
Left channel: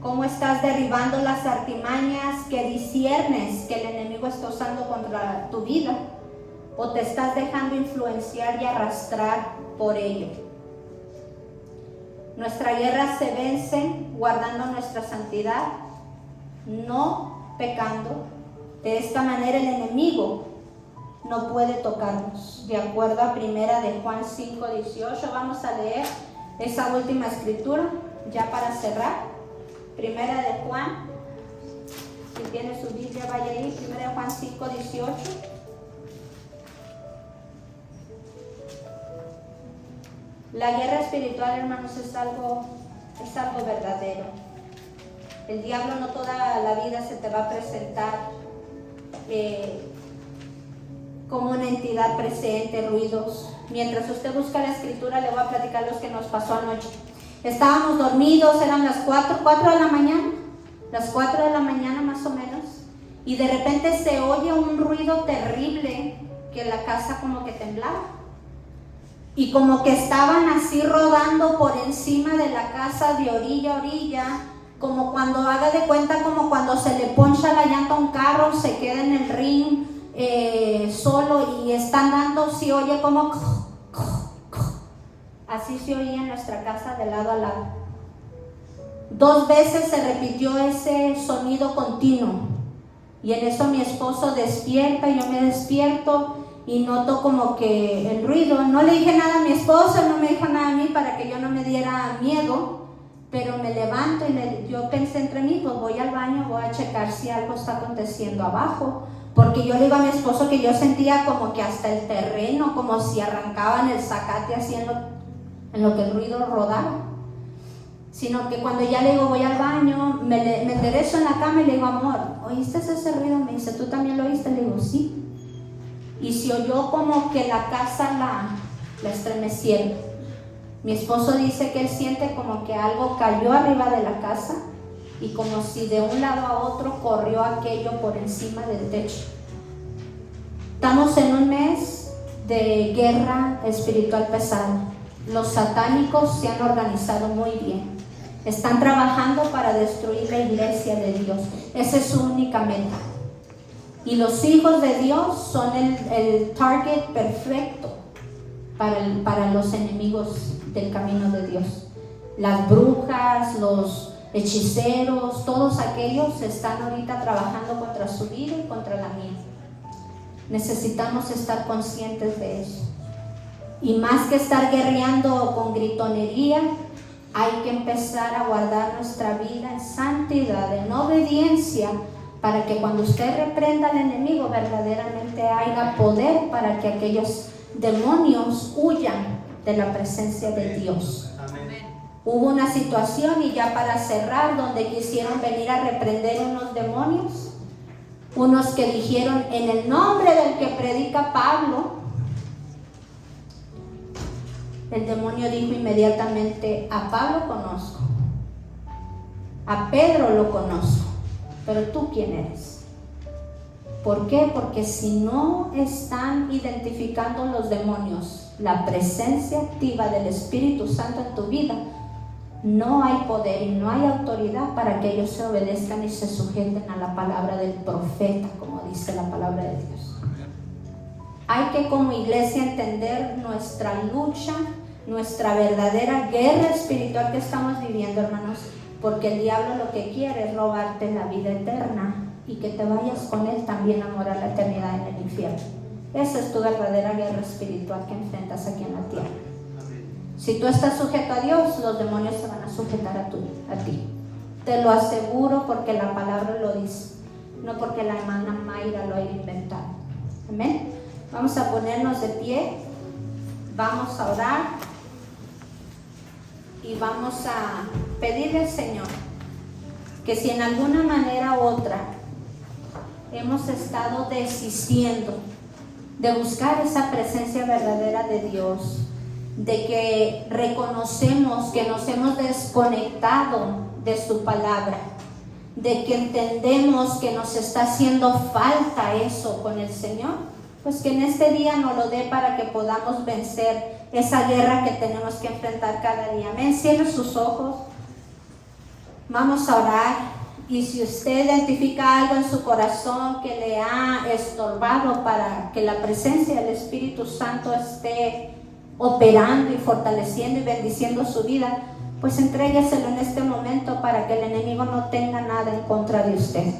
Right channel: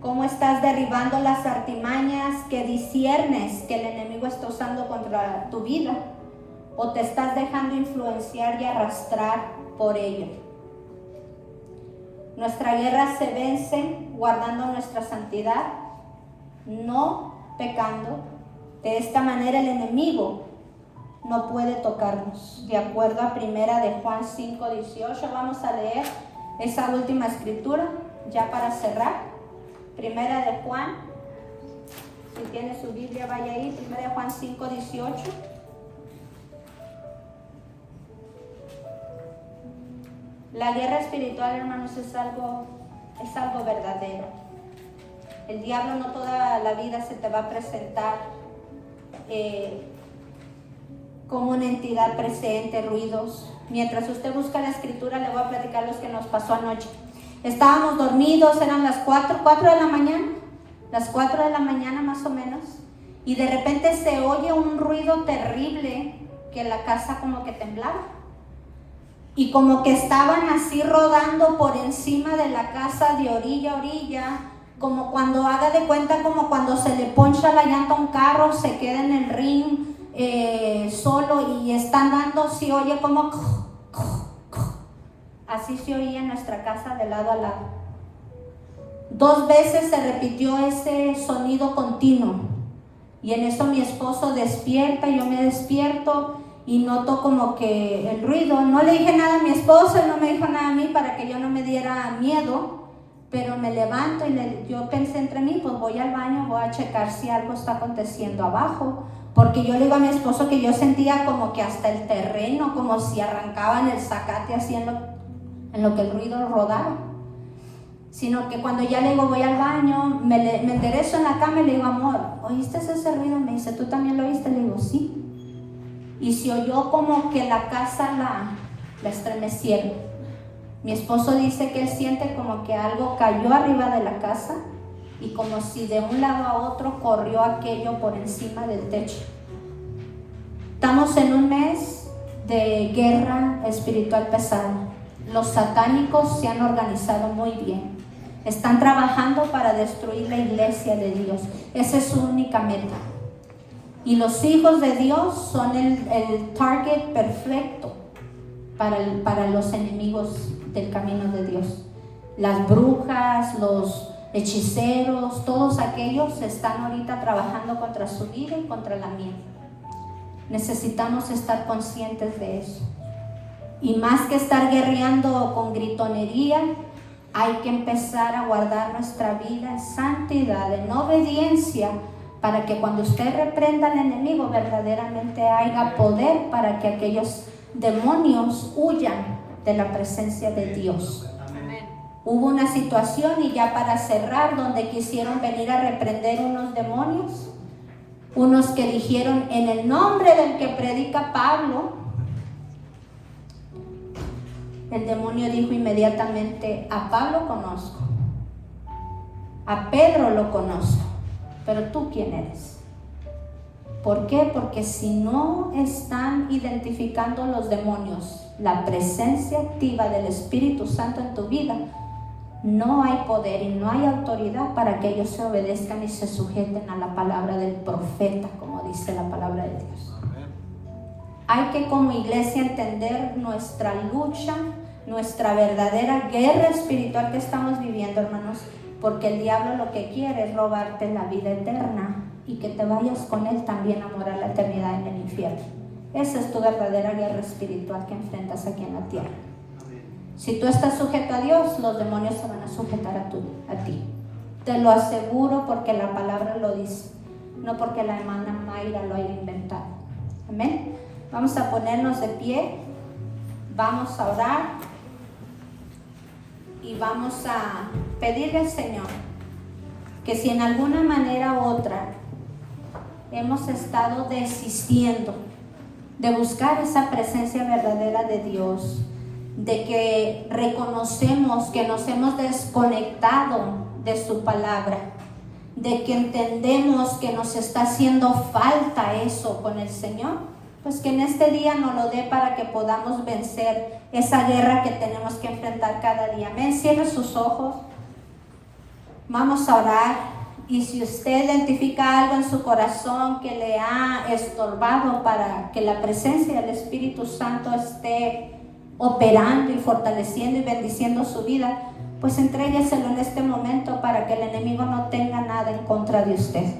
¿Cómo estás derribando las artimañas que disciernes que el enemigo está usando contra tu vida? ¿O te estás dejando influenciar y arrastrar por ello? Nuestra guerra se vence guardando nuestra santidad, no pecando. De esta manera el enemigo no puede tocarnos. De acuerdo a 1 de Juan 5:18, vamos a leer esa última escritura ya para cerrar. 1 de Juan, si tiene su Biblia vaya ahí, 1 de Juan 5:18. La guerra espiritual, hermanos, es algo verdadero. El diablo no toda la vida se te va a presentar como una entidad presente, ruidos. Mientras usted busca la escritura, le voy a platicar lo que nos pasó anoche. Estábamos dormidos, eran las 4 de la mañana, las 4 de la mañana más o menos, y de repente se oye un ruido terrible que la casa como que temblaba. Y como que estaban así rodando por encima de la casa de orilla a orilla, como cuando, haga de cuenta, como cuando se le poncha la llanta a un carro, se queda en el ring solo y están dando, se oye como... Así se oía en nuestra casa de lado a lado. 2 veces se repitió ese sonido continuo. Y en eso mi esposo despierta, yo me despierto y noto como que el ruido. No le dije nada a mi esposo, no me dijo nada a mí para que yo no me diera miedo, pero me levanto y yo pensé entre mí, pues voy al baño, voy a checar si algo está aconteciendo abajo, porque yo le digo a mi esposo que yo sentía como que hasta el terreno, como si arrancaban el zacate así en lo que el ruido rodaba. Sino que cuando ya le digo voy al baño, me enderezo en la cama y le digo, amor, ¿oíste ese ruido? Me dice, ¿tú también lo oíste? Le digo, sí. Y se oyó como que la casa la estremecieron. Mi esposo dice que él siente como que algo cayó arriba de la casa y como si de un lado a otro corrió aquello por encima del techo. Estamos en un mes de guerra espiritual pesada. Los satánicos se han organizado muy bien. Están trabajando para destruir la iglesia de Dios. Esa es su única meta. Y los hijos de Dios son el target perfecto para los enemigos del camino de Dios. Las brujas, los hechiceros, todos aquellos están ahorita trabajando contra su vida y contra la mía. Necesitamos estar conscientes de eso. Y más que estar guerreando con gritonería, hay que empezar a guardar nuestra vida en santidad, en obediencia, para que cuando usted reprenda al enemigo verdaderamente haya poder para que aquellos demonios huyan de la presencia de Dios. Hubo una situación, y ya para cerrar, donde quisieron venir a reprender unos demonios, unos que dijeron en el nombre del que predica Pablo. El demonio dijo inmediatamente: a Pablo conozco, a Pedro lo conozco, pero tú ¿quién eres? ¿Por qué? Porque si no están identificando los demonios la presencia activa del Espíritu Santo en tu vida, no hay poder y no hay autoridad para que ellos se obedezcan y se sujeten a la palabra del profeta, como dice la palabra de Dios. Hay que como iglesia entender nuestra lucha, nuestra verdadera guerra espiritual que estamos viviendo, hermanos, porque el diablo lo que quiere es robarte la vida eterna y que te vayas con él también a morar la eternidad en el infierno. Esa es tu verdadera guerra espiritual que enfrentas aquí en la tierra. Si tú estás sujeto a Dios, los demonios se van a sujetar a ti. Te lo aseguro, porque la palabra lo dice, no porque la hermana Mayra lo haya inventado. Amén. Vamos a ponernos de pie, vamos a orar y vamos a pedirle al Señor que si en alguna manera u otra hemos estado desistiendo de buscar esa presencia verdadera de Dios, de que reconocemos que nos hemos desconectado de su palabra, de que entendemos que nos está haciendo falta eso con el Señor, pues que en este día nos lo dé para que podamos vencer esa guerra que tenemos que enfrentar cada día. Amén. Cierre sus ojos. Vamos a orar. Y si usted identifica algo en su corazón que le ha estorbado para que la presencia del Espíritu Santo esté operando y fortaleciendo y bendiciendo su vida, pues entrégueselo en este momento para que el enemigo no tenga nada en contra de usted.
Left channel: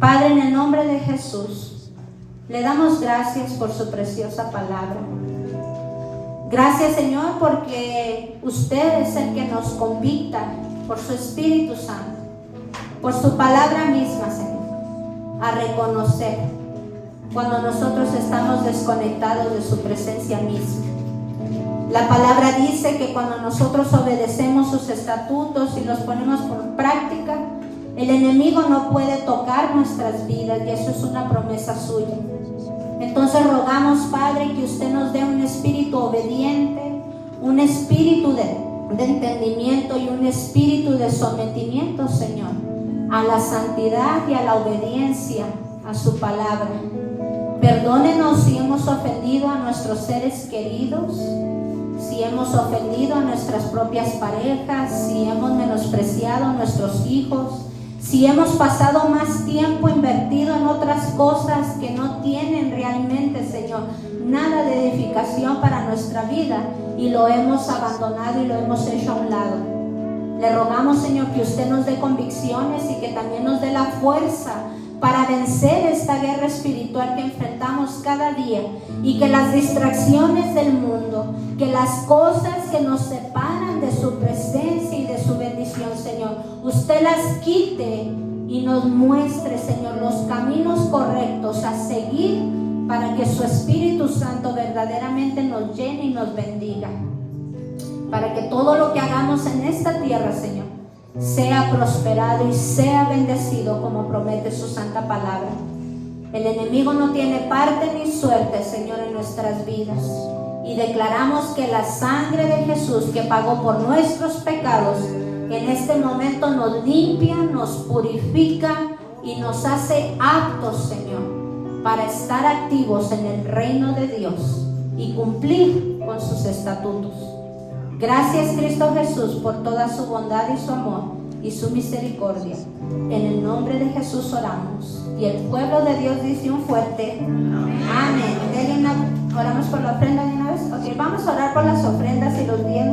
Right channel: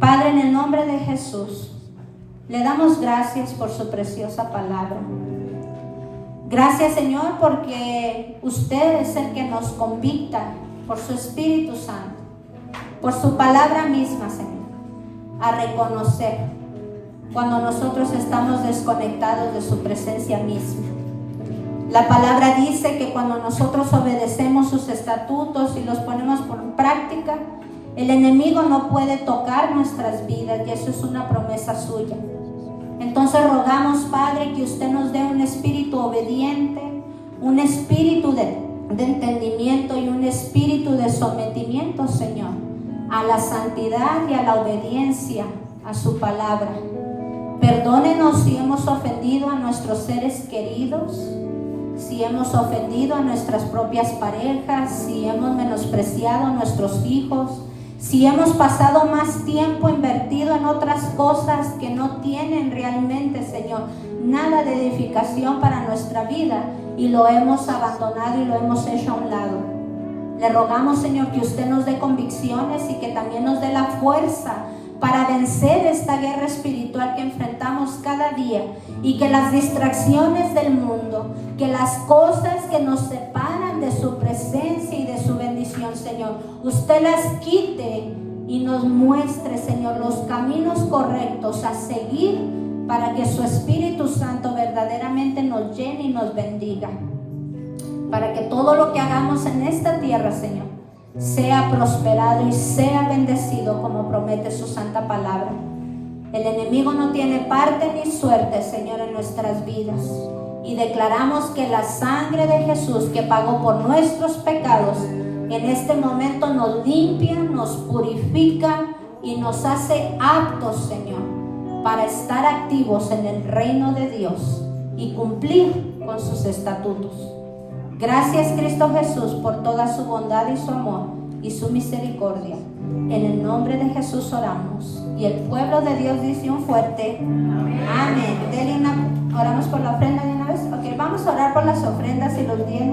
Padre, en el nombre de Jesús, le damos gracias por su preciosa palabra. Gracias, Señor, porque usted es el que nos convicta por su Espíritu Santo, por su palabra misma, Señor, a reconocer cuando nosotros estamos desconectados de su presencia misma. La palabra dice que cuando nosotros obedecemos sus estatutos y los ponemos por práctica, el enemigo no puede tocar nuestras vidas, y eso es una promesa suya. Entonces rogamos, Padre, que usted nos dé un espíritu obediente, un espíritu de entendimiento y un espíritu de sometimiento, Señor, a la santidad y a la obediencia a su palabra. Perdónenos si hemos ofendido a nuestros seres queridos, si hemos ofendido a nuestras propias parejas, si hemos menospreciado a nuestros hijos, si hemos pasado más tiempo invertido en otras cosas que no tienen realmente, Señor, nada de edificación para nuestra vida, y lo hemos abandonado y lo hemos hecho a un lado. Le rogamos, Señor, que usted nos dé convicciones y que también nos dé la fuerza para vencer esta guerra espiritual que enfrentamos cada día, y que las distracciones del mundo, que las cosas que nos separan de su presencia y de su bendición, Señor, usted las quite y nos muestre, Señor, los caminos correctos a seguir para que su Espíritu Santo verdaderamente nos llene y nos bendiga, para que todo lo que hagamos en esta tierra, Señor, sea prosperado y sea bendecido como promete su santa palabra. El enemigo no tiene parte ni suerte, Señor, en nuestras vidas, y declaramos que la sangre de Jesús, que pagó por nuestros pecados, en este momento nos limpia, nos purifica y nos hace aptos, Señor, para estar activos en el reino de Dios y cumplir con sus estatutos. Gracias, Cristo Jesús, por toda su bondad y su amor y su misericordia. En el nombre de Jesús oramos. Y el pueblo de Dios dice un fuerte amén. Amén. Oramos por la ofrenda de una vez. Ok, vamos a orar por las ofrendas y los bienes.